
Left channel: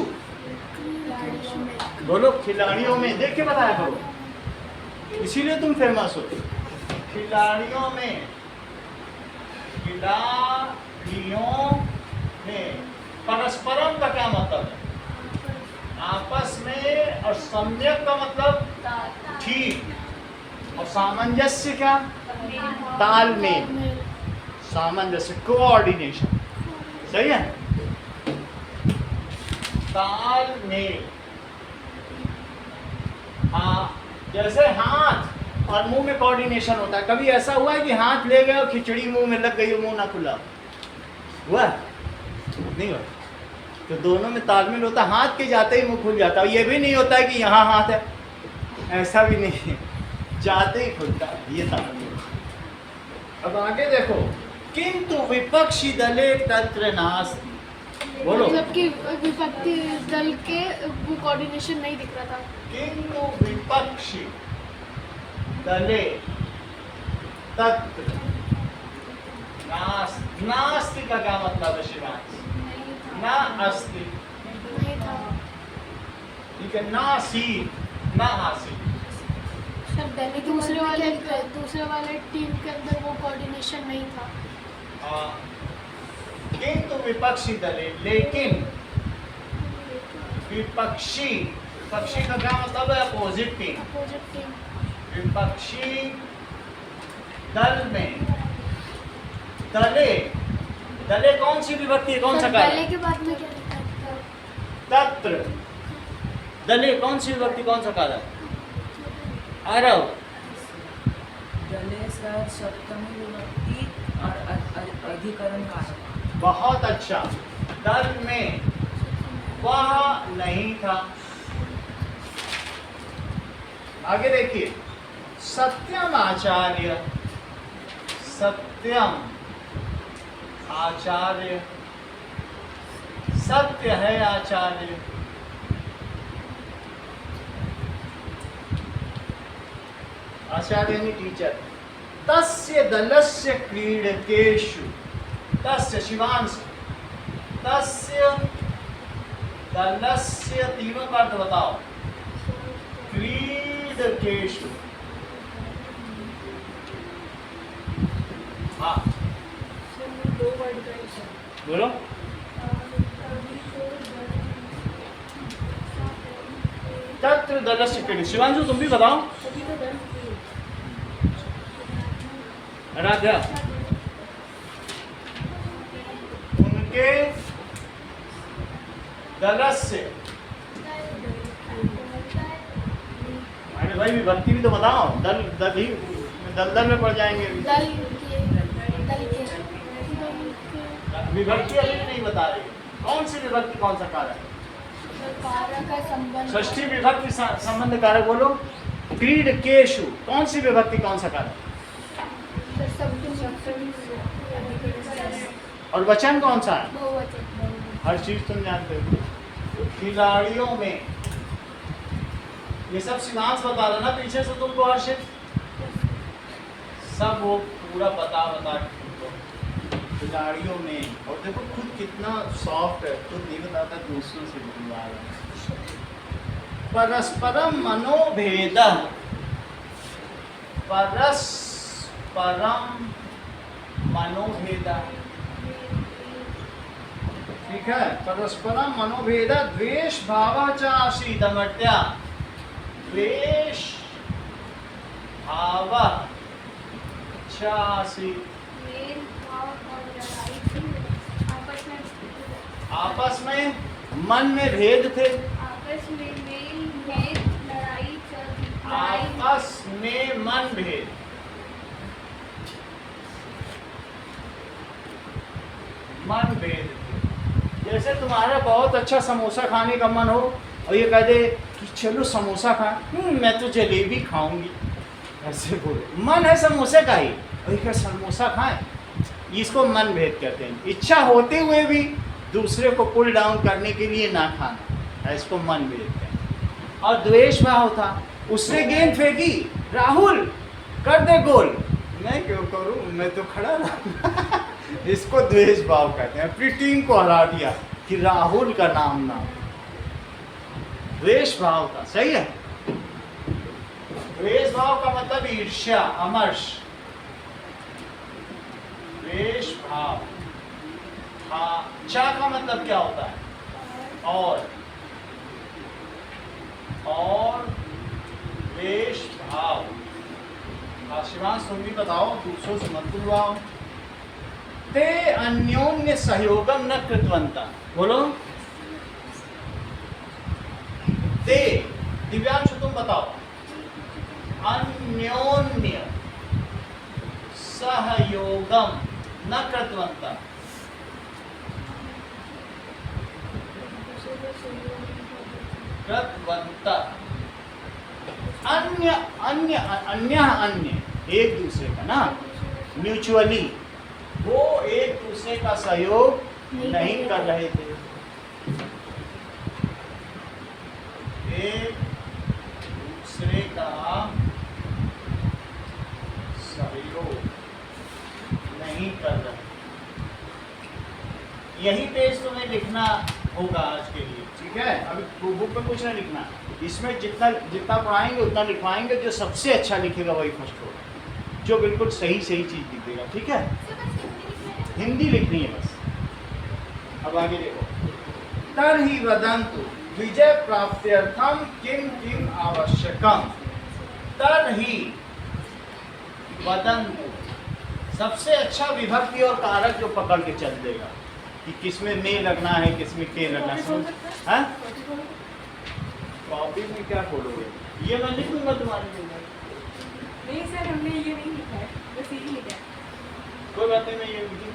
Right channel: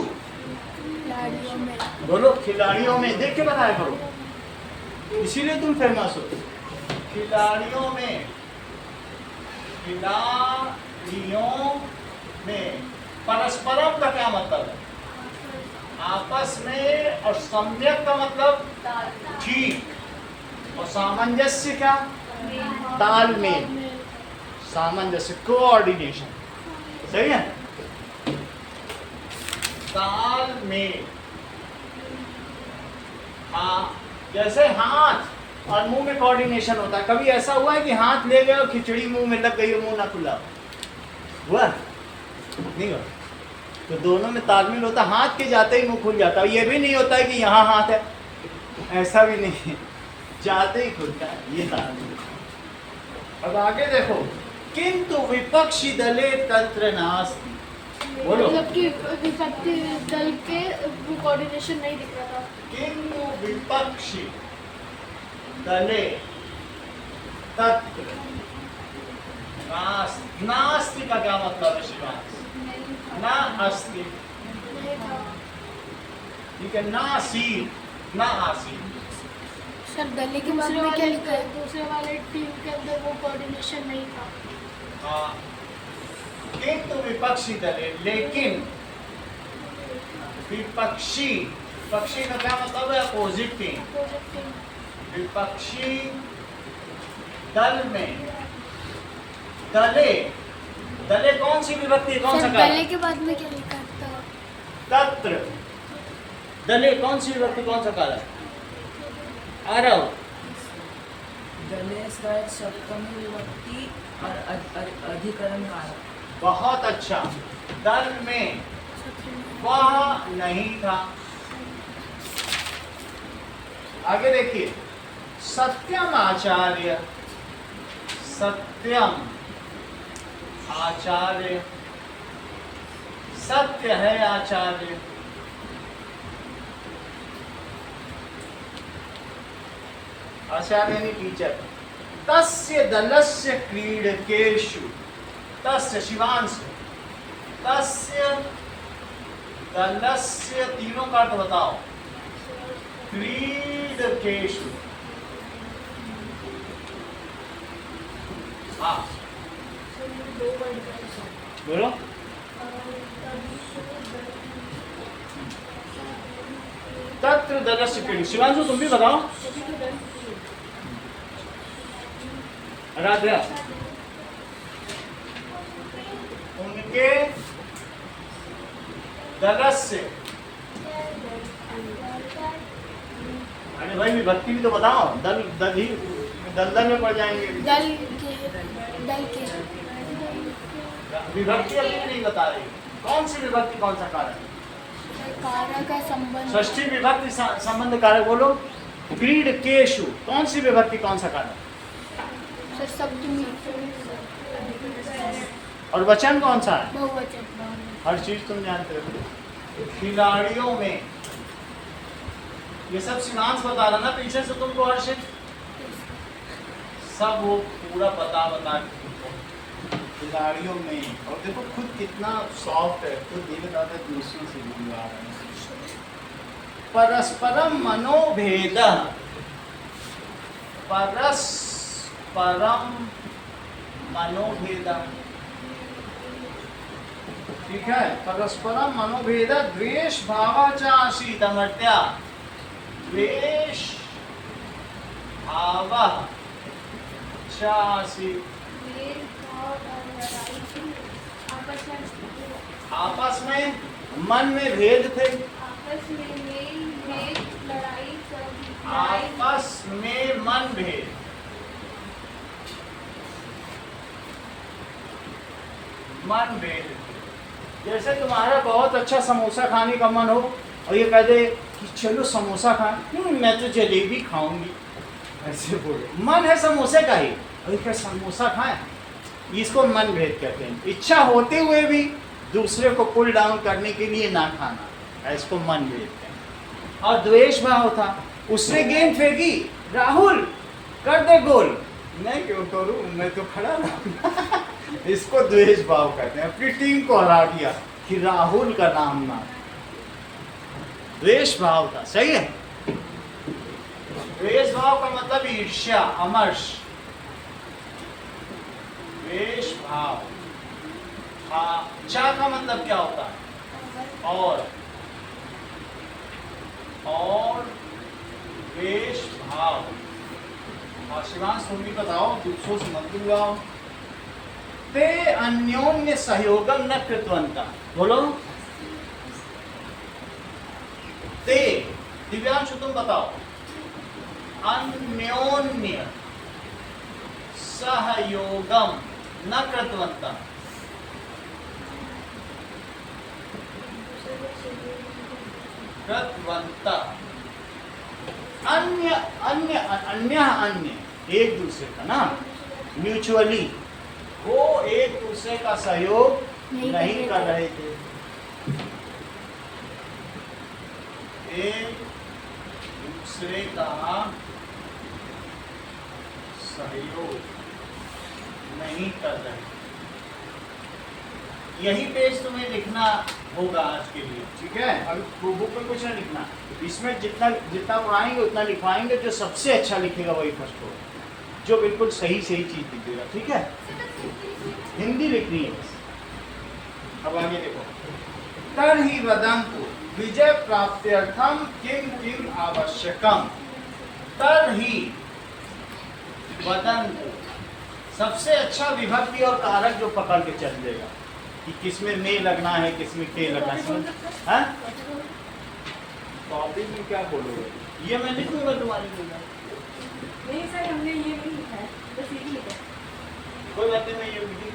बोलो खिलाड़ियों में, देख के बताया करो, इसीलिए तुम फेमस हो। खिलाड़ियों में, खिलाड़ियों में। परस्परम का क्या मतलब है? आपस में। और सम्यक का मतलब ठीक, और सामंजस्य क्या? तालमेल, सामंजस्य, कोऑर्डिनेशन, सही है? तालमेल। हाँ, जैसे हाथ और मुंह में कोऑर्डिनेशन होता है। कभी ऐसा हुआ है कि हाथ ले गए और खिचड़ी मुंह में लग गई और मुंह ना खुला? हुआ? नहीं हुआ। तो दोनों में तालमेल होता है, हाथ के जाते ही मुंह खुल जाता है। ये भी नहीं होता है कि यहाँ हाथ है, ऐसा भी नहीं है, जाते ही खुलता है, ये तालमेल। अब आगे देखो, किंतु विपक्षी दले तंत्र नास्ति। बोलो। मतलब कि विपक्षी दल के वो कोऑर्डिनेशन नहीं दिख रहा था। किंतु विपक्षी दले तत्र नास्ति। नास्ति का क्या मतलब है शिवांश? ना अस्ति, नहीं था ठीक है, ना आसीत, ना आसीत। सर। दिल्ली के दूसरे वाले टीम के अंदर वो कोऑर्डिनेशन नहीं था। किंतु विपक्षी दले, लेकिन विपक्षी, विपक्षी का क्या मतलब है? Opposite team. Opposite team. विपक्षी दल में, दले, दले कौन सी विभक्ति, कौन सा कारक? दले के बाद में क्या लिखा था? तत्र। दले कौन सी विभक्ति, कौन सा कारक? आरव। दले शायद सप्तमी विभक्ति और अधिकरण कारक। बहुत अच्छा। दल में वह नहीं था। आगे देखिए, सत्यम आचार्य, सत्यम आचार्य, सत्य है आचार्य। आचार्य यानी टीचर। तस्य दलस्य क्रीडकेषु, तस्य शिवांश, तस्य दलस्य, तीनों का अर्थ बताओ। क्रीडकेषु, हाँ बोलो। तत्र दलस्य क्रीडकेषु, शिवांशु तुम भी बताओ। आराध्या, उनके दलस्य, अरे भाई विभक्ति भी तो बताओ। दल दल ही दलदल में पड़ जाएंगे। दल के विभक्ति अभी नहीं बता रही। कौन सी विभक्ति कौन सा कारक? कारक का संबंध षष्ठी विभक्ति संबंध कारक बोलो। क्रीडकेषु कौन सी विभक्ति कौन सा कारक? सप्तमी और वचन कौन सा है? बहुवचन हर चीज तुम जानते हो। खिलाड़ियों में, ये सब सीमांश बता रहा ना पीछे से तुमको हर्षित, सब वो पूरा बता के तुमको। खिलाड़ियों में, और देखो खुद कितना सॉफ्ट है, खुद नहीं बताता दूसरों से बुलवा रहा है। परस्परम मनोभेद, परस्परम मनोभेद, ठीक है। परस्परम मनोभेद द्वेष भाव च आसीत् अमर्त्या, द्वेष भाव च आसीत्, मेल भाव और लड़ाई थी आपस में मन में भेद थे, आपस में मेल लड़ाई थी, आपस में मन भेद, मन भेद थे। जैसे तुम्हारा बहुत अच्छा समोसा खाने का मन हो और ये कह दे कि चलो समोसा खाएं, मैं तो जलेबी खाऊंगी, ऐसे बोलो, मन है समोसे का ही, और क्या समोसा खाएं, इसको मन भेद कहते हैं। इच्छा होते हुए भी दूसरे को पुल डाउन करने के लिए ना खाना, इसको मन भेद कहते हैं। और द्वेष भाव था, उसने गेंद फेंकी, राहुल कर दे गोल, मैं क्यों करूं, मैं तो खड़ा रहूंगा इसको द्वेष भाव कहते हैं। अपनी टीम को हरा दिया कि राहुल का नाम ना, द्वेष भाव था, सही है। द्वेष भाव का मतलब ईर्ष्या, अमर्ष, द्वेष भाव। चा का मतलब क्या होता है? और द्वेष भाव। शिवांश तुम भी बताओ, दूसरों से मत बुलवाओ। ते अन्योन्य सहयोगम न कृतवंता, बोलो। ते, दिव्यांश तुम बताओ। अन्योन्य सहयोगम न कृतवंता, कृतवंता, अन्य अन्य अन्य अन्य एक दूसरे का ना, म्यूचुअली वो एक दूसरे का सहयोग नहीं कर रहे थे, एक दूसरे का सहयोग नहीं कर रहे। यही पेज तुम्हें लिखना होगा आज के लिए, ठीक है। अभी बुक में कुछ नहीं लिखना, इसमें जितना जितना पढ़ाएंगे उतना लिखवाएंगे। जो सबसे अच्छा लिखेगा वही फर्स्ट होगा, जो बिल्कुल सही सही चीज लिखेगा, ठीक है। हिंदी लिखनी है बस। अब आगे देखो। तर्हि वदन्तु विजय प्राप्त्यर्थम किम किम आवश्यकम। तर्हि वदन्तु, सबसे अच्छा विभक्ति और कारक जो पकड़ के चल देगा कि किसमें में लगना है, किसमें के लगना है। हाँ, कॉपी में क्या बोलोगे? ये मैं लिख दूंगा तुम्हारी जगह। नहीं सर, हमने ये नहीं लिखा है, बस यही लिखा है। कोई बात नहीं, मैं ये लिख दूंगा।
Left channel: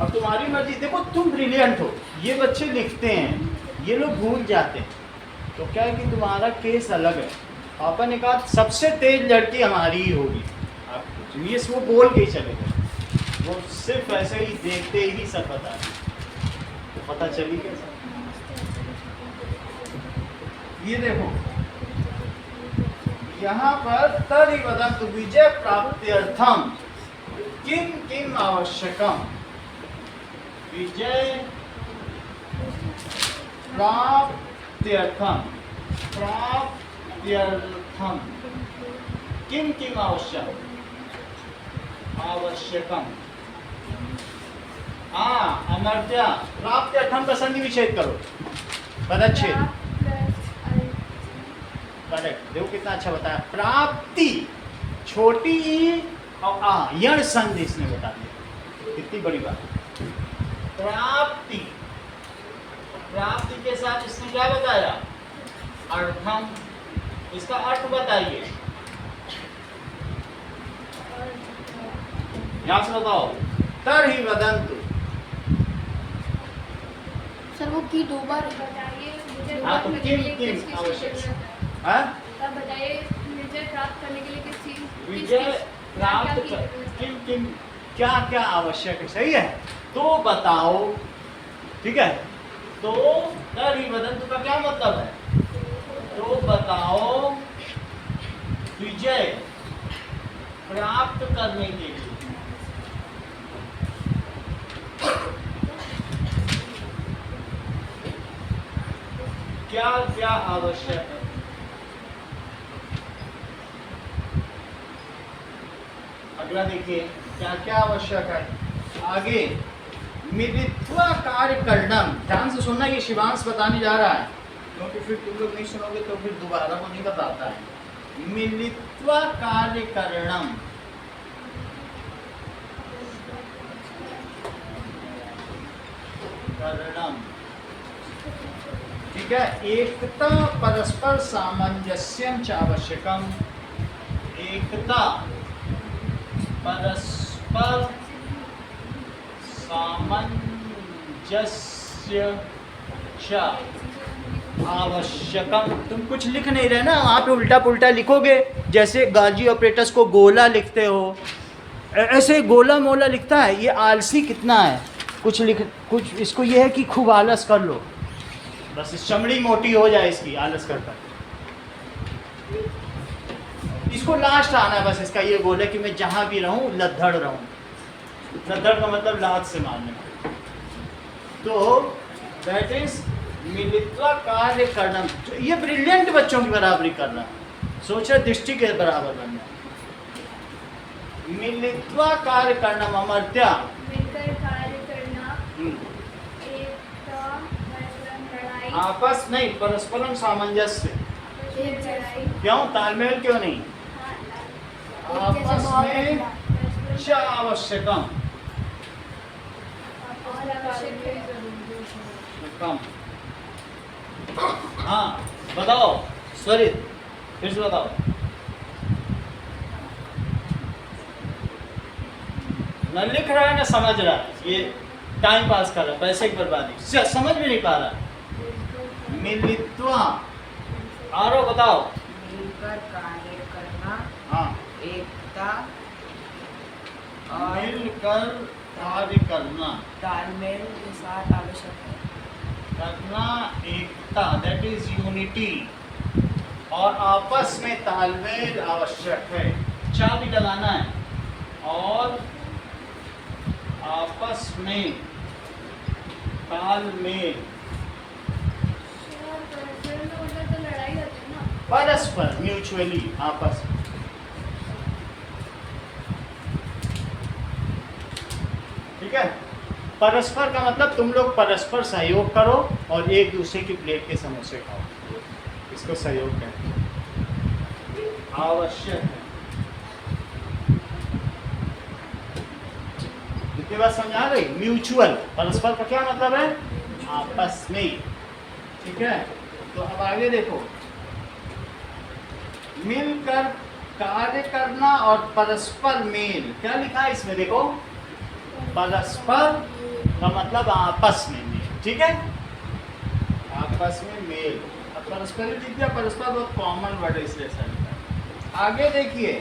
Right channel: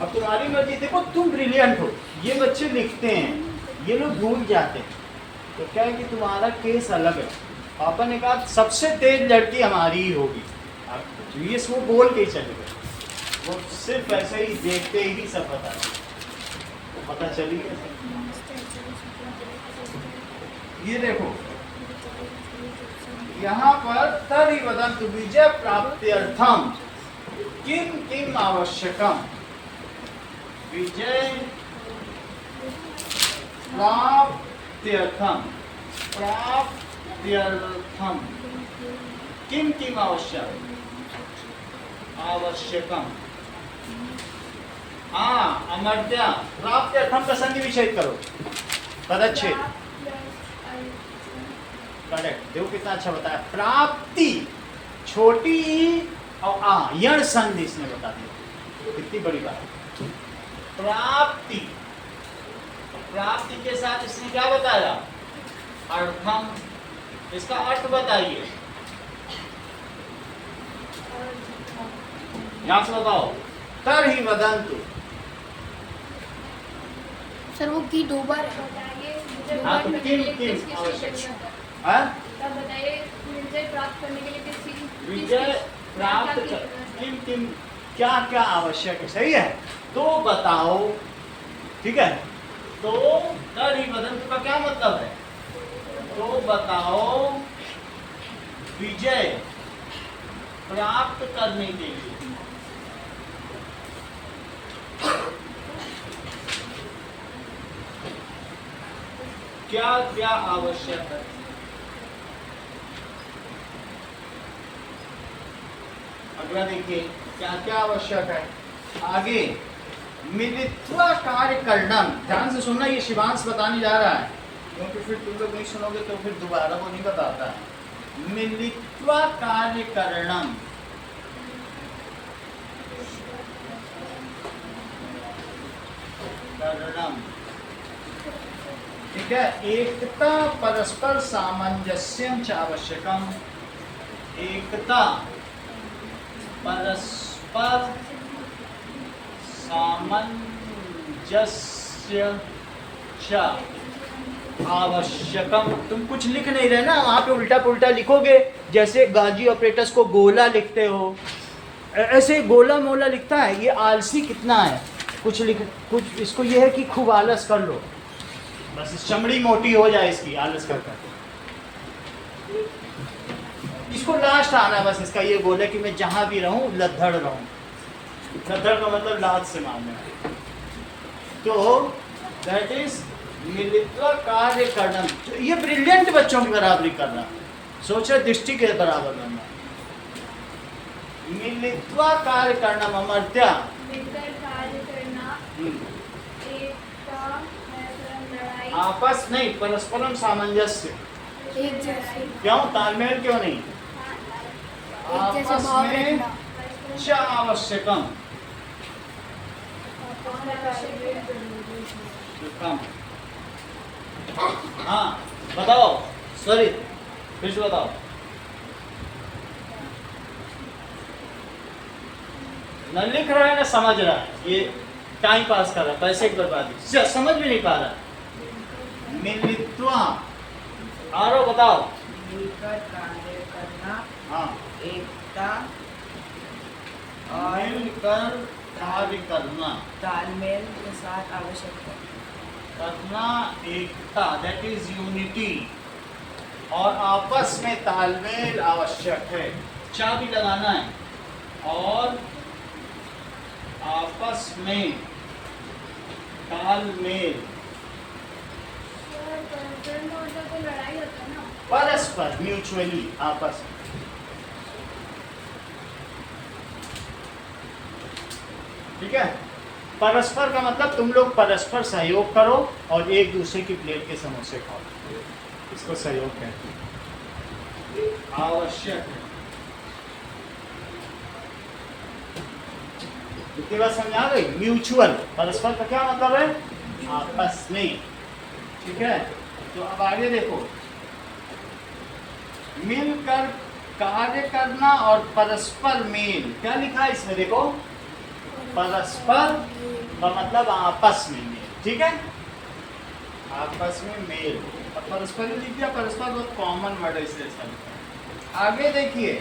अब तुम्हारी मर्जी। देखो तुम ब्रिलियंट हो, ये बच्चे लिखते हैं, ये लोग भूल जाते हैं। तो क्या है कि तुम्हारा केस अलग है। पापा ने कहा सबसे तेज लड़की हमारी ही होगी, ये वो बोल के चले गए। वो सिर्फ ऐसे ही देखते ही सब पता चली गया। ये देखो यहाँ पर तर्हि वदन्तु विजय प्राप्त्यर्थम किम किम आवश्यकम। विजय प्राप्त्यर्थम, प्राप्त्यर्थम किम किम आवश्यकम। अमर्त्या, प्राप्त्यर्थम का संधि विच्छेद करो, पदच्छेद। करेक्ट, देखो कितना अच्छा बताया। प्राप्ति छोटी और यण संधि इसने बता दिया, कितनी बड़ी बात। प्राप्ति, प्राप्ति के साथ इसने क्या बताया? अर्थम। इसका अर्थ बताइए, यहां से बताओ। तर्हि वदन्तु, सर वो की डूबा तो बताइए मुझे हाँ, तो प्राप्त करने किन- के लिए किन किस चीज़ की आवश्यक जरूरत है? हाँ? तब बताइए विजय प्राप्त करने के लिए किस चीज विजय प्राप्त क्या-क्या कर की जरूरत है? किन किन क्या क्या आवश्यक है, सही है। तो बताओ, ठीक है। तो कर ही बदन का क्या मतलब है? तो बताओ विजय प्राप्त करने के लिए क्या क्या आवश्यक है? अगला देखिए क्या क्या आवश्यक है। आगे मिलित्वा कार्य करणम, ध्यान से सुनना, ये शिवांश बताने जा रहा है, क्योंकि फिर तुम लोग नहीं सुनोगे तो फिर दोबारा वो नहीं बताता है। मिलित्वा कार्य करणम, करणम, ठीक है। एकता परस्पर सामंजस्यं च आवश्यकम, एकता परस्पर सामंजस्य च आवश्यकम। तुम कुछ लिख नहीं रहे ना, वहाँ पे उल्टा पुल्टा लिखोगे, जैसे गाजी ऑपरेटर्स को गोला लिखते हो, ऐसे गोला मोला लिखता है। ये आलसी कितना है, कुछ इसको ये है कि खूब आलस कर लो, बस चमड़ी मोटी हो जाए इसकी आलस कर कर। इसको लास्ट आना बस, इसका ये गोल है कि मैं जहां भी रहूं लद्दड़ रहूं। लद्दड़ का मतलब लात से मारने वाले। तो दैट इज मिलित्वा कार्य करना। ये ब्रिलियंट बच्चों की बराबरी करना, सोचा दृष्टि के बराबर बनना। मिलित्वा कार्य करना, अमर्त्या मिलकर कार्य करना, एकता परस्पर लड़ाई, आपस नहीं, परस्परम सामंजस्य। एक जैसे क्यों तालमेल क्यों नहीं? एक जैसे आपस भाव में रखना। च आवश्यकम, कम। हाँ बताओ स्वरित, फिर से बताओ। न लिख रहा है ना समझ रहा है, ये टाइम पास कर रहा है, पैसे की बर्बादी, समझ भी नहीं पा रहा। मिलित्वा, आरो बताओ। मिलकर कार्य करना, हाँ, एकता और मिलकर कार्य करना, तालमेल के साथ आवश्यक है। करना एकता, दैट इज यूनिटी, और आपस में तालमेल आवश्यक है। चा भी लगाना है, और आपस में तालमेल, तो लड़ाई होता है ना। परस्पर म्यूचुअली, आपस में। ठीक है। परस्पर का मतलब तुम लोग परस्पर सहयोग करो और एक दूसरे की प्लेट के समोसे खाओ, इसको सहयोग कहते हैं। आवश्यक है। कितनी बात समझा गई? म्यूचुअल, परस्पर का क्या मतलब है? आपस में। ठीक है, तो अब आगे देखो, मिलकर कार्य करना और परस्पर मेल, क्या लिखा है इसमें देखो? परस्पर का मतलब आपस में मेल, ठीक है, आपस में मेल। अब परस्पर ही लिख दिया, परस्पर बहुत कॉमन वर्ड है इसलिए ऐसा लिखा है। आगे देखिए,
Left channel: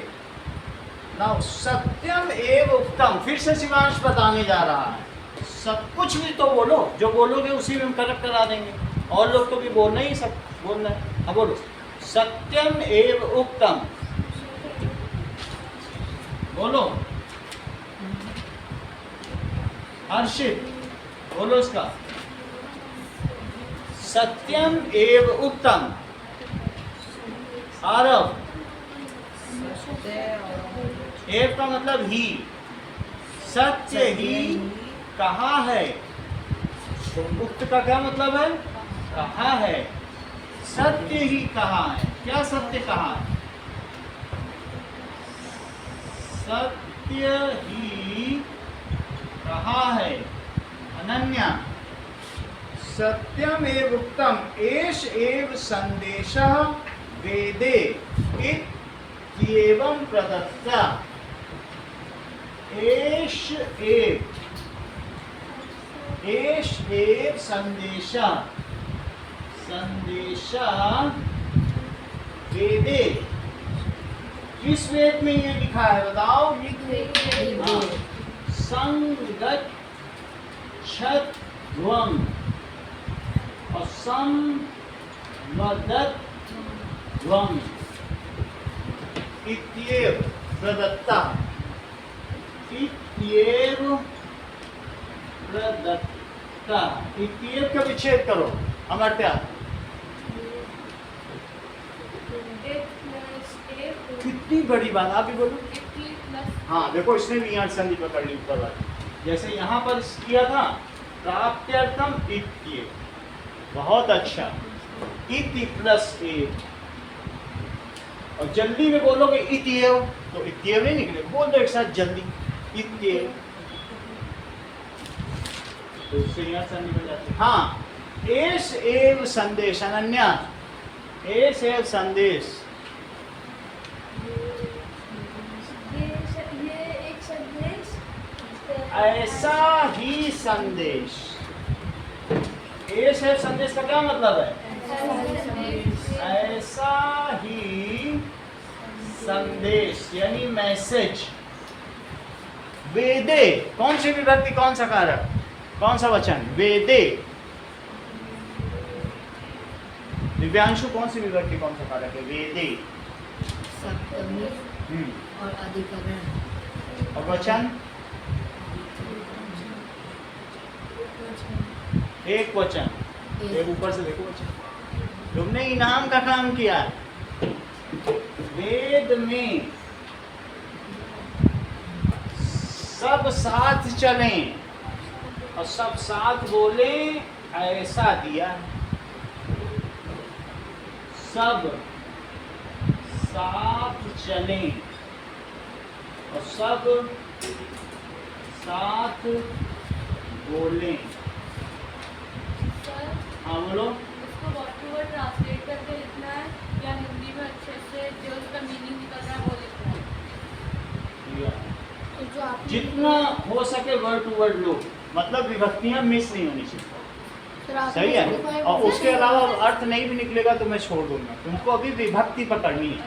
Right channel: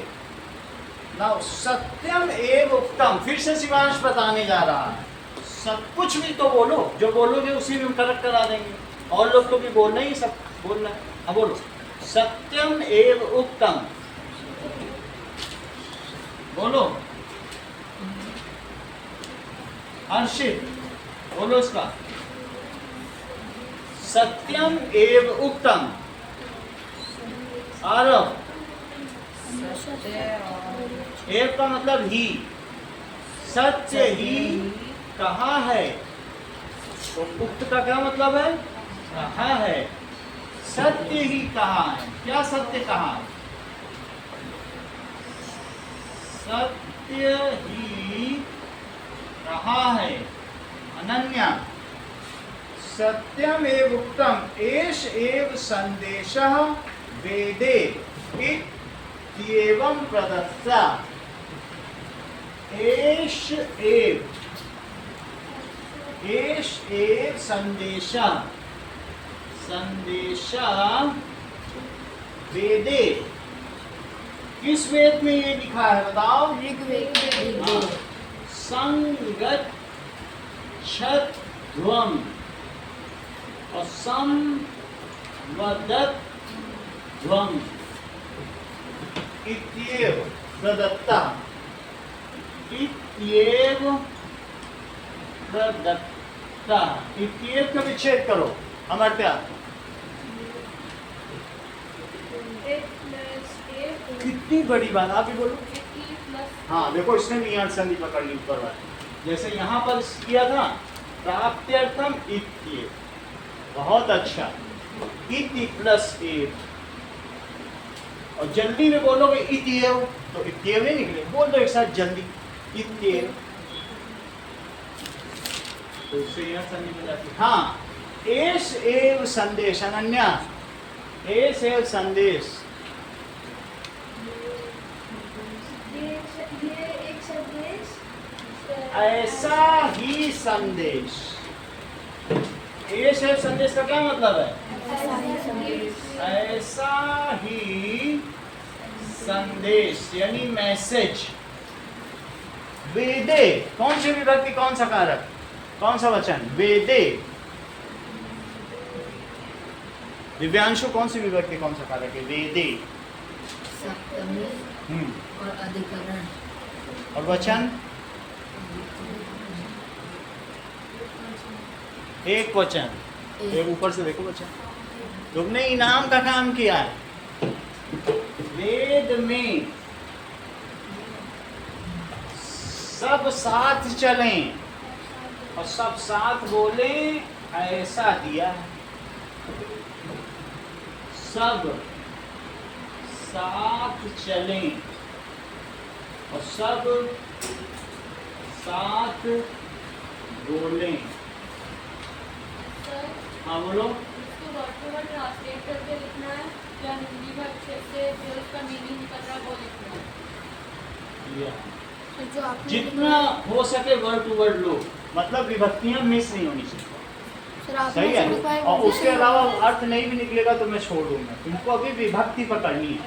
नाउ सत्यम एव उत्तम, फिर से शिवांश बताने जा रहा है। सब कुछ भी तो बोलो, जो बोलोगे उसी में करेक्ट करा देंगे, और लोग तो भी बोलना ही, सब बोलना है। अब बोलो सत्यम एव उत्तम, बोलो हर्षित, बोलो इसका। सत्यम एव उत्तम, आरव। सत्य और एव का मतलब ही, सत्य ही कहा है। तो उक्त का क्या मतलब है? कहा है। सत्य ही कहा है। क्या सत्य कहा है? सत्य ही कहा है। अनन्या, सत्यम एव उक्तम एष एव संदेशः वेदे इत्येवं प्रदत्ता। एष एव एष एव संदेशा संदेशा वेदे। किस वेद में ये लिखा है बताओ? हाँ। संगच्छध्वम् और संवदध्वम् इत्येव प्रदत्ता इत्येव प्रदत्ता। इत्येव का विच्छेद करो हमारे प्यार। कितनी बड़ी बात, आप भी बोलो। हाँ देखो, इसने भी यहाँ संधि पकड़ ली ऊपर वाली, जैसे यहाँ पर किया था प्राप्त्यर्थम इत्येव। बहुत अच्छा, इति प्लस एव। और जल्दी में बोलोगे इत्येव तो इत्येव नहीं निकले, बोल दो एक साथ जल्दी, इत्येव। तो इससे यहाँ संधि बन जाती है। हाँ, एष एव संदेश, अनन्या एष एव संदेश। ऐसा ही संदेश। एष एव संदेश का क्या मतलब है? ऐसा ही संदेश यानी मैसेज। वेदे कौन सी विभक्ति, कौन सा कारक, कौन सा वचन? वेदे। दिव्यांशु कौन सी विभक्ति, कौन सा कारक है? वेदे। सप्तमी और अधिकरण। और वचन? एक वचन। एक ऊपर से देखो वचन। तुमने इनाम का काम किया है। वेद में सब साथ चलें और सब साथ बोलें, ऐसा दिया है। सब साथ चलें और सब साथ बोलें। हाँ बोलो। इसको वर्ड टू वर्ड ट्रांसलेट करके लिखना है या हिंदी में अच्छे से जो उसका मीनिंग निकल रहा है वो लिखना है? जो आपने जितना हो सके वर्ड टू वर्ड लो, मतलब विभक्तियां मिस नहीं होनी चाहिए। फिर आपने सही है। 75 और उसके अलावा अर्थ नहीं भी निकलेगा तो मैं छोड़ दूंगा, तुमको अभी विभक्ति पकड़नी है।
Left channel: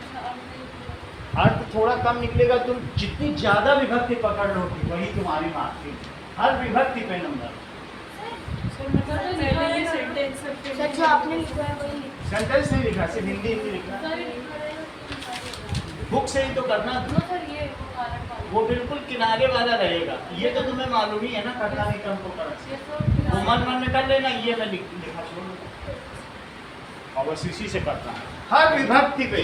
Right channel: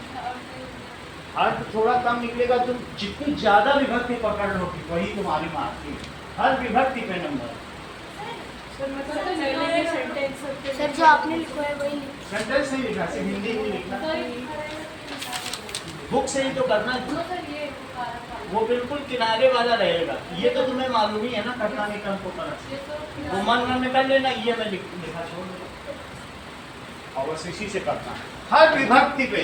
अर्थ थोड़ा कम निकलेगा, तुम जितनी ज्यादा विभक्ति पकड़ लोगी वही तुम्हारी मार्क्स। हर विभक्ति पे नंबर। सर जो आपने लिखा है वही सेंटेंस नहीं लिखा, सिर्फ हिंदी ही लिखना। बुक से ही तो करना, वो बिल्कुल किनारे वाला रहेगा। ये तो तुम्हें मालूम ही है ना, करना नहीं कम को करना। वो मन में कर लेना, ये मैं लिखा छोड़ दूंगा और बस इसी से करना है। हर विभक्ति पे,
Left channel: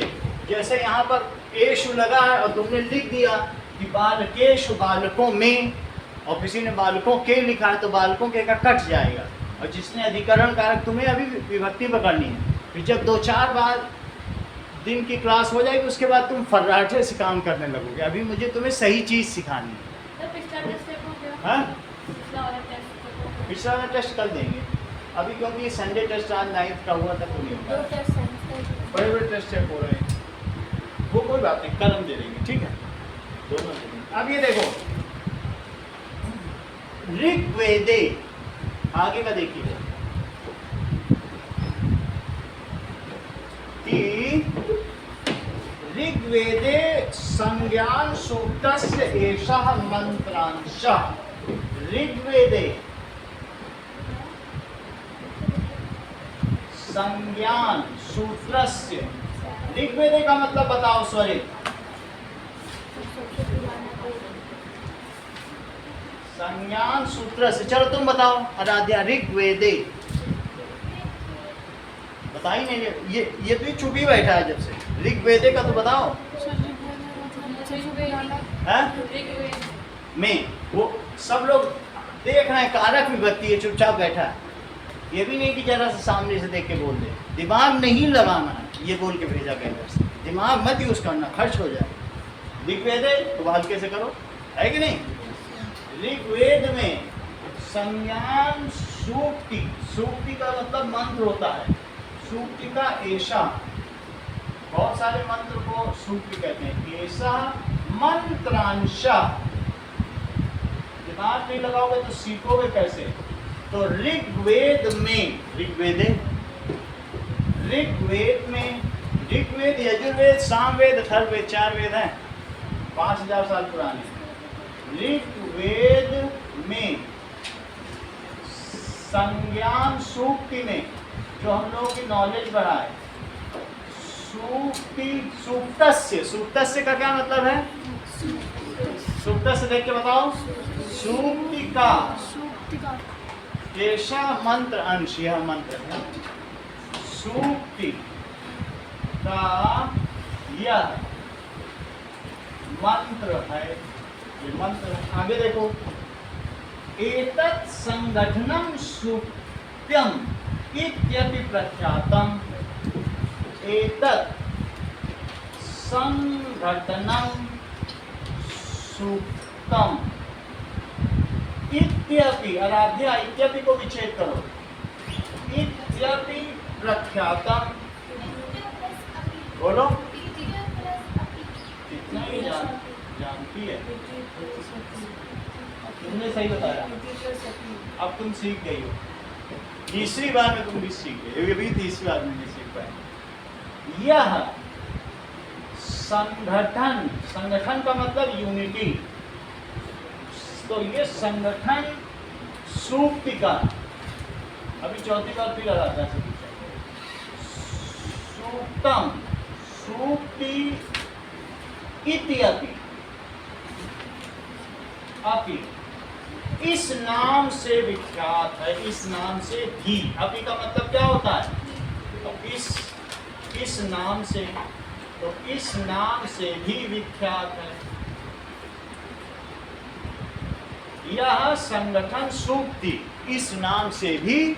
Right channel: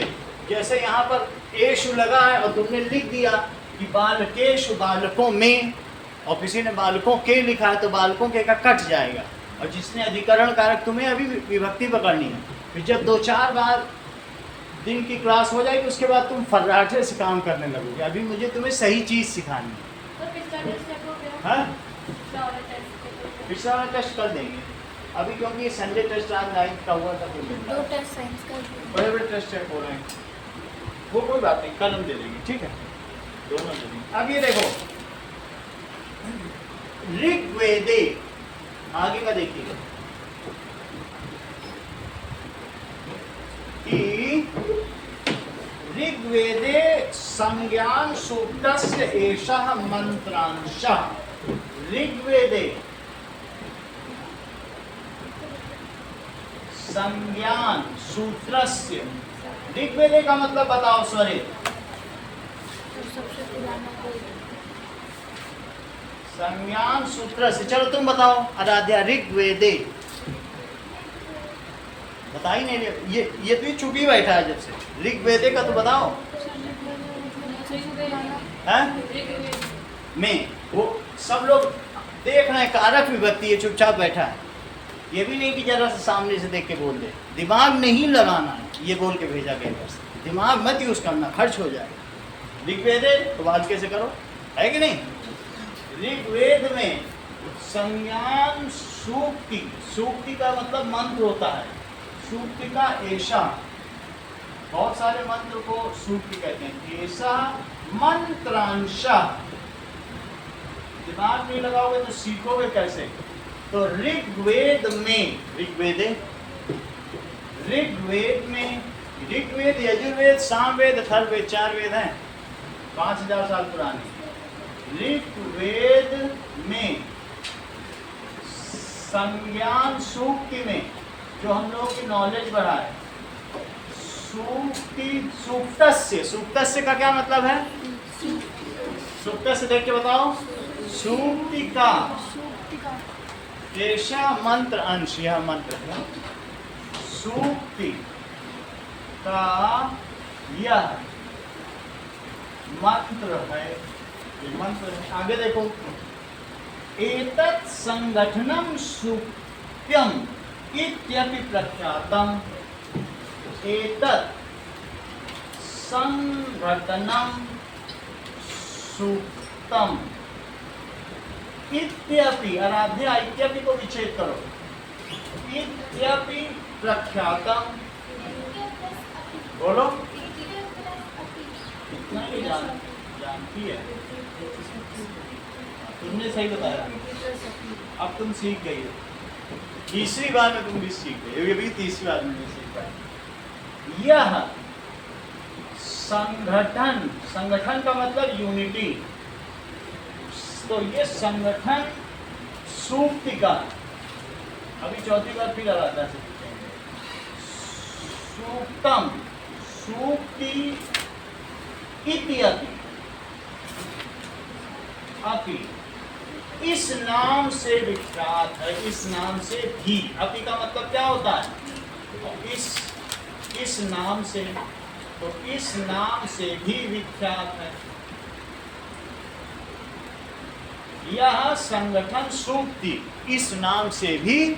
जैसे यहाँ पर एशु लगा है और तुमने लिख दिया कि बालकेशु, बालकों में, और किसी ने बालकों के लिखा है तो बालकों के का कट जाएगा। और जिसने अधिकरण कारक, तुम्हें अभी विभक्ति पकड़नी है। फिर जब 2-4 बार दिन की क्लास हो जाएगी उसके बाद तुम फर्राटे से काम करने लगोगे। अभी मुझे तुम्हें सही चीज़ सिखानी है। हाँ? पिछला वाला टेस्ट कर देंगे अभी, क्योंकि ये संडे टेस्ट आज 9th का हुआ था तो नहीं होगा। 2 टेस्ट साइंस का बड़े बड़े टेस्ट चेक हो रहे हैं, वो कोई बात नहीं, कल हम दे देंगे, ठीक है, दोनों दे देंगे। अब ये देखो ऋग्वेदे, आगे का देखिए कि ऋग्वेदे संज्ञान सूक्तस्य एषः मंत्रांशः। ऋग्वेदे संज्ञान सूत्रस्य, ऋग्वेदे का मतलब बताओ स्वरित। सबसे पुराना संज्ञान सूत्र से, चलो तुम बताओ आराध्या। ऋग्वेदे बता ही नहीं, ये तो चुप ही बैठा है जब से। ऋग्वेदे का तो बताओ है में। वो सब लोग देख रहे हैं, कारक विभक्ति है, चुपचाप बैठा है। ये भी नहीं कि जरा सा सामने से देख के बोल दे, दिमाग नहीं लगाना है, ये बोल के भेजा गया घर से। दिमाग मत यूज करना, खर्च हो जाए। ऋग्वेदे तो बात कैसे करो, है कि नहीं? ऋग्वेद में संज्ञान सूक्ति, सूक्ति का मतलब मंत्र होता है, सूक्ति का ऐसा, बहुत सारे मंत्र को सूक्ति कहते हैं। ऐसा मंत्रांशा, दिमाग नहीं लगाओगे तो सीखोगे कैसे? तो ऋग्वेद में ऋग्वेद, यजुर्वेद, सामवेद, अथर्ववेद, 4 वेद हैं, 5000 साल पुराने। ऋग्वेद में संज्ञान सूक्ति में जो हम लोगों की नॉलेज बढ़ाए, सूक्तस्य का क्या मतलब है? सूक्तस्य देख के बताओ। सूक्ति का केशा मंत्र अंश, यह मंत्र है। सूक्ति का यह मंत्र है, ये मंत्र है। आगे देखो, एतत् संगठनम सूक्त्यम इत्यपि प्रख्यातम। एतत् संगठनम सूक्तम इत्यपि, आराध्या इत्यपि को विच्छेद करो, इत्यपि प्रख्यातम। बोलो, कितना ही जानती है। तुमने सही बताया, अब तुम सीख गई हो। तीसरी बार में तुम भी सीख गई, ये भी तीसरी बार में नहीं सीख पाए। यह संगठन का मतलब यूनिटी, तो ये संगठन सूक्ति का, अभी चौथी बार फिर आराधना से पूछेंगे। सूक्तम, सूक्ति इत्यपि, अपि इस नाम से विख्यात है, इस नाम से भी। अपि का मतलब क्या होता है? तो इस नाम से, तो इस नाम से भी विख्यात है। यह संगठन सूक्ति इस नाम से भी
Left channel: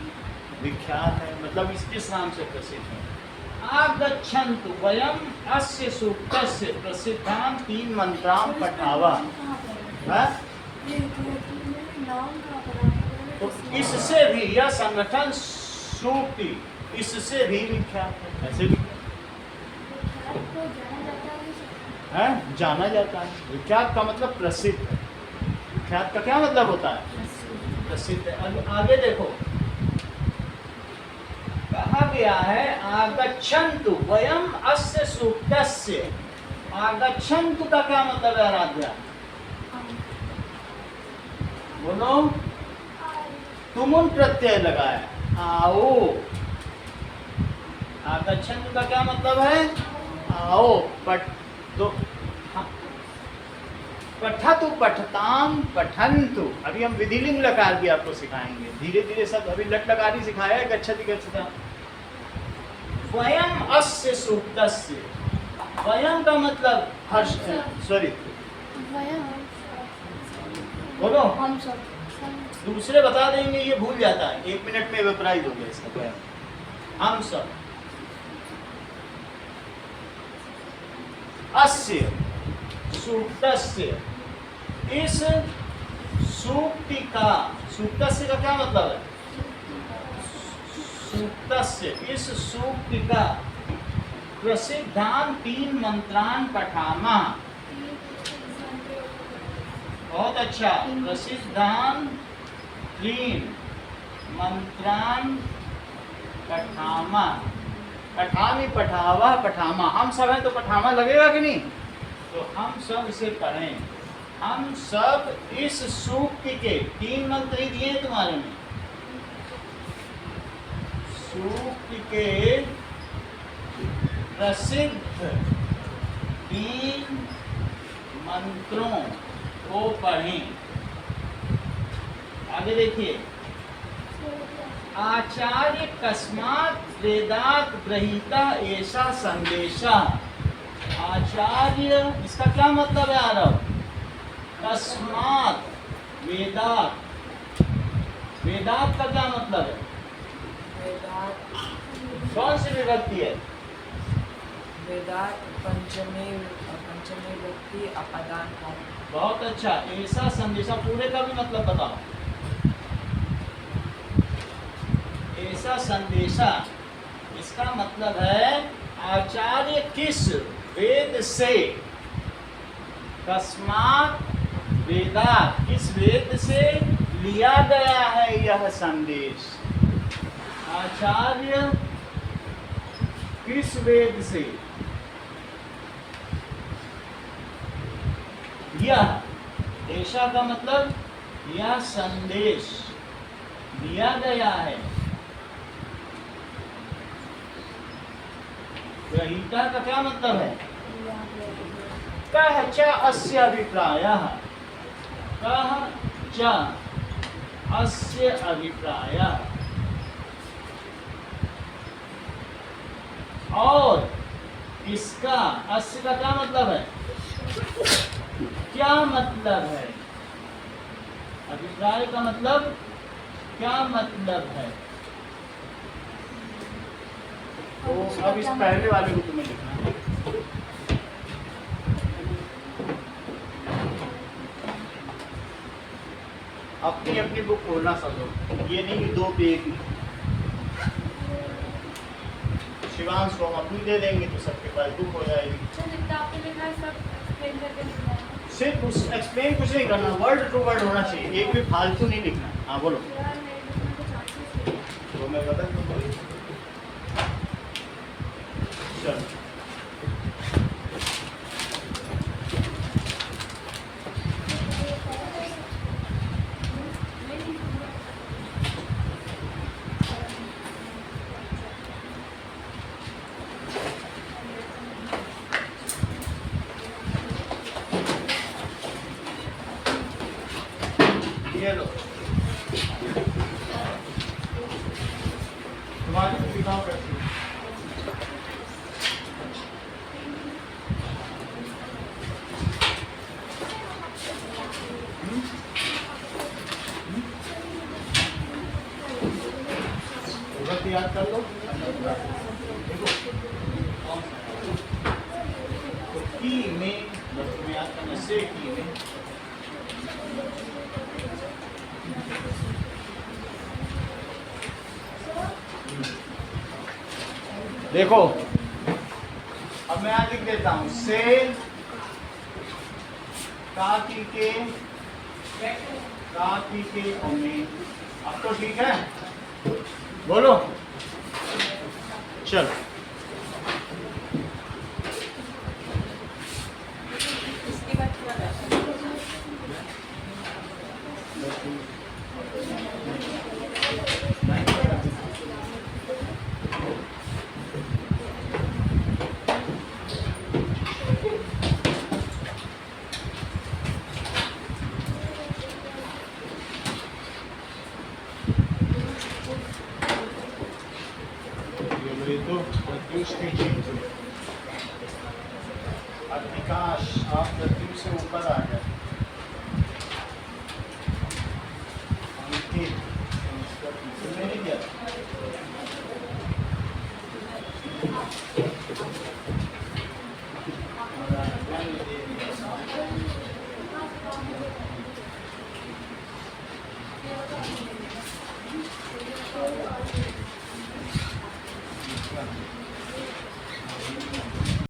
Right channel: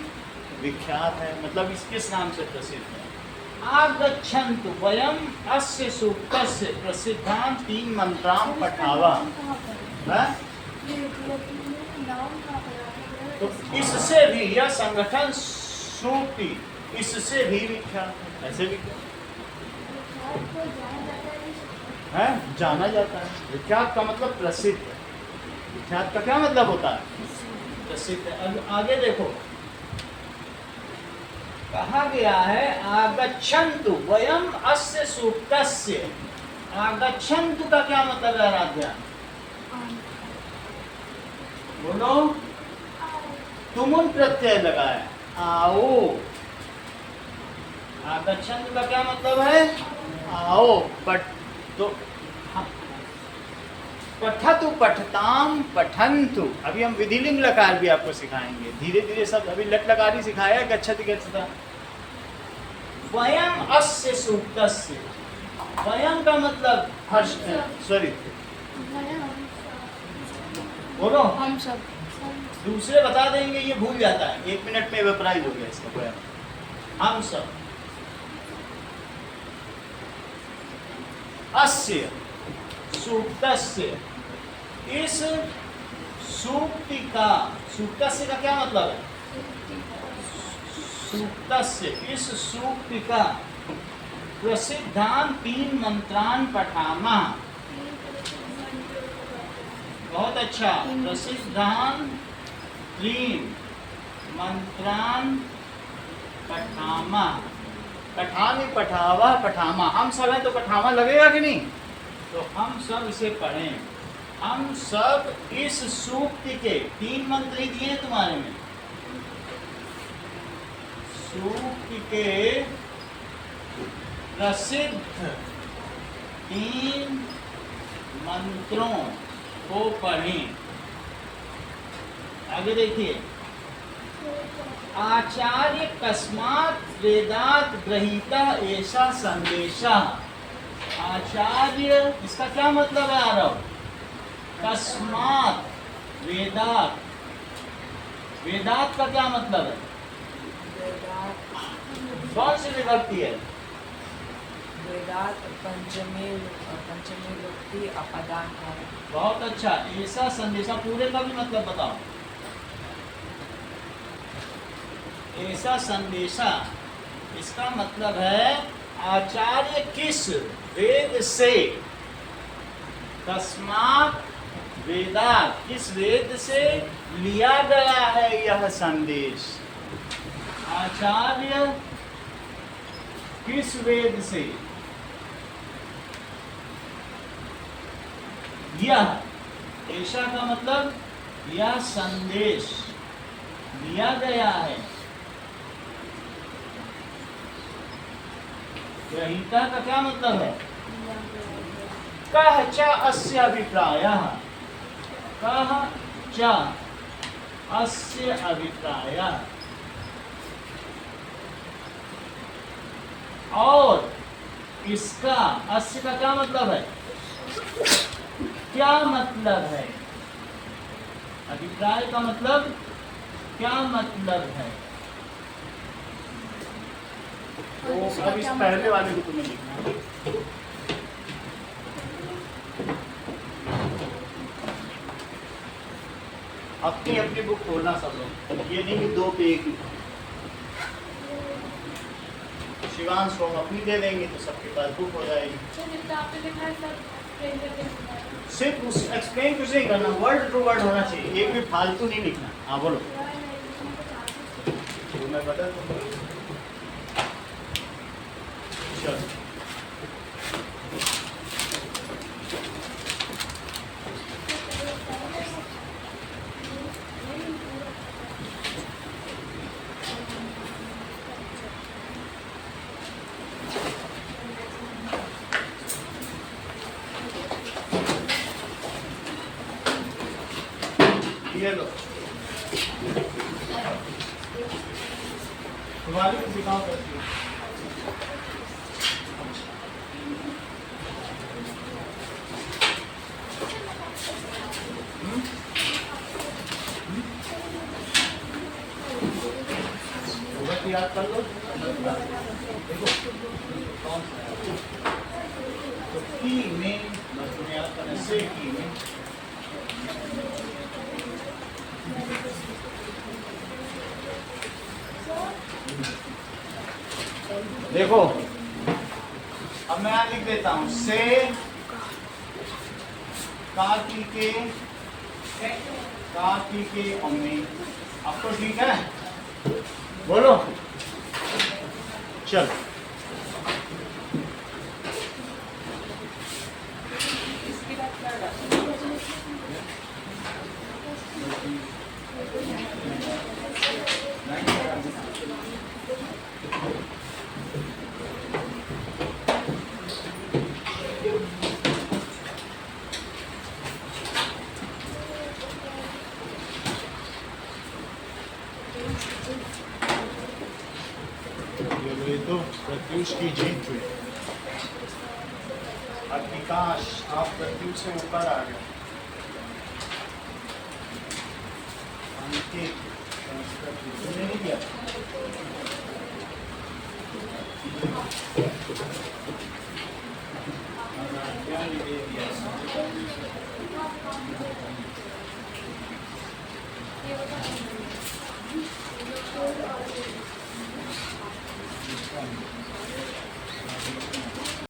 विख्यात है, मतलब किस नाम से प्रसिद्ध है? आगच्छन्तु वयम अस्य सूक्तस्य प्रसिद्धान् 3 मंत्रान् पठावः। तो इससे भी, यह संगठन सूक्ति इससे भी विख्यात है। ऐसे भी है, जाना जाता है। विख्यात का मतलब प्रसिद्ध है। विख्यात का क्या मतलब होता है? प्रसिद्ध है। आगे देखो, कहा गया है आगच्छन्तु वयम अस्य सूक्तस्य। आगच्छन्तु का क्या मतलब है आराध्या? बोलो, तुमुन प्रत्यय लगाए, आओ। आगच्छन्तु का क्या मतलब है? आओ। तो पठतु, पठताम, पठन्तु। अभी हम विधिलिंग लकार भी आपको सिखाएंगे धीरे धीरे सब। अभी लट लकार ही सिखाया है, गच्छति गच्छता। वयम अस्य सूक्तस्य, वयम का मतलब हर्ष, सॉरी बोलो, हम सब दूसरे बता देंगे, ये भूल जाता है, 1 मिनट में वेपराइज हो गया इसका। वयम हम सब, अस्य सूक्तस्य, इस सूक्ति का, सूक्तस्य का क्या मतलब है? सूक्तस्य, इस सूक्ति का प्रसिद्धान् 3 मंत्रान् पठामः। बहुत अच्छा। प्रसिद्धान् 3 मंत्रान् पठामः। पठामि, पठावः, पठामा। हम सब हैं तो पठामा लगेगा कि नहीं? तो हम सब इसे पढ़ें। हम सब इस सूक्ति के 3 मंत्र ही दिए तुम्हारे में। सूक्ति के प्रसिद्ध 3 मंत्रों को पढ़ें। आगे देखिए, आचार्य कस्मात् वेदात् गृहीता ऐसा संदेशा। आचार्य, इसका क्या मतलब है आरव? कस्मात्, वेदात्। वेदात् का क्या मतलब है? वेदात, कौन सी विभक्ति है? वेदात पंचमे व्यक्ति अपादान है। बहुत अच्छा। ऐसा संदेशा पूरे का भी मतलब बताओ। ऐसा संदेशा, इसका मतलब है आचार्य किस वेद से, कस्मात् वेदात्, किस वेद से लिया गया है यह संदेश आचार्य किस वेद से? यह ऐसा का मतलब यह संदेश लिया गया है। ग्रहीता का क्या मतलब है? कह च अस्य अभिप्रायः, कह च अस्य अभिप्रायः, और इसका, अस्य का क्या मतलब है? क्या मतलब है? अभिप्राय का मतलब क्या मतलब है? तो अब इस पहले वाले को तुम्हें लिखना है। अपनी अपनी बुक खोलना सब लोग, ये नहीं कि दो पे एक ही। शिवांश को हम अपनी दे देंगे तो सबके पास बुक हो जाएगी। तो जितना आपने लिखा है सब एक्सप्लेन करके लिखना है। सिर्फ उस एक्सप्लेन कुछ नहीं करना, वर्ड टू वर्ड होना चाहिए, एक भी फालतू नहीं लिखना। हाँ बोलो। यार मेरे लिखना कुछ आगे से। तो मैं बदल दूंगा। चलो ये लो तुम्हारी सुविधाओं करती है। याद कर लो। तो की में बस तुम्हें याद करना, से की में देखो, अब मैं यहाँ लिख देता हूँ से काकी के और में। अब तो ठीक है, बोलो। चलो इसके बाद क्या रहता है? ये तो प्रत्युष की जीत हुई। अब विकास आप प्रत्युष से ऊपर आ गए। अंकित तुमने नहीं किया?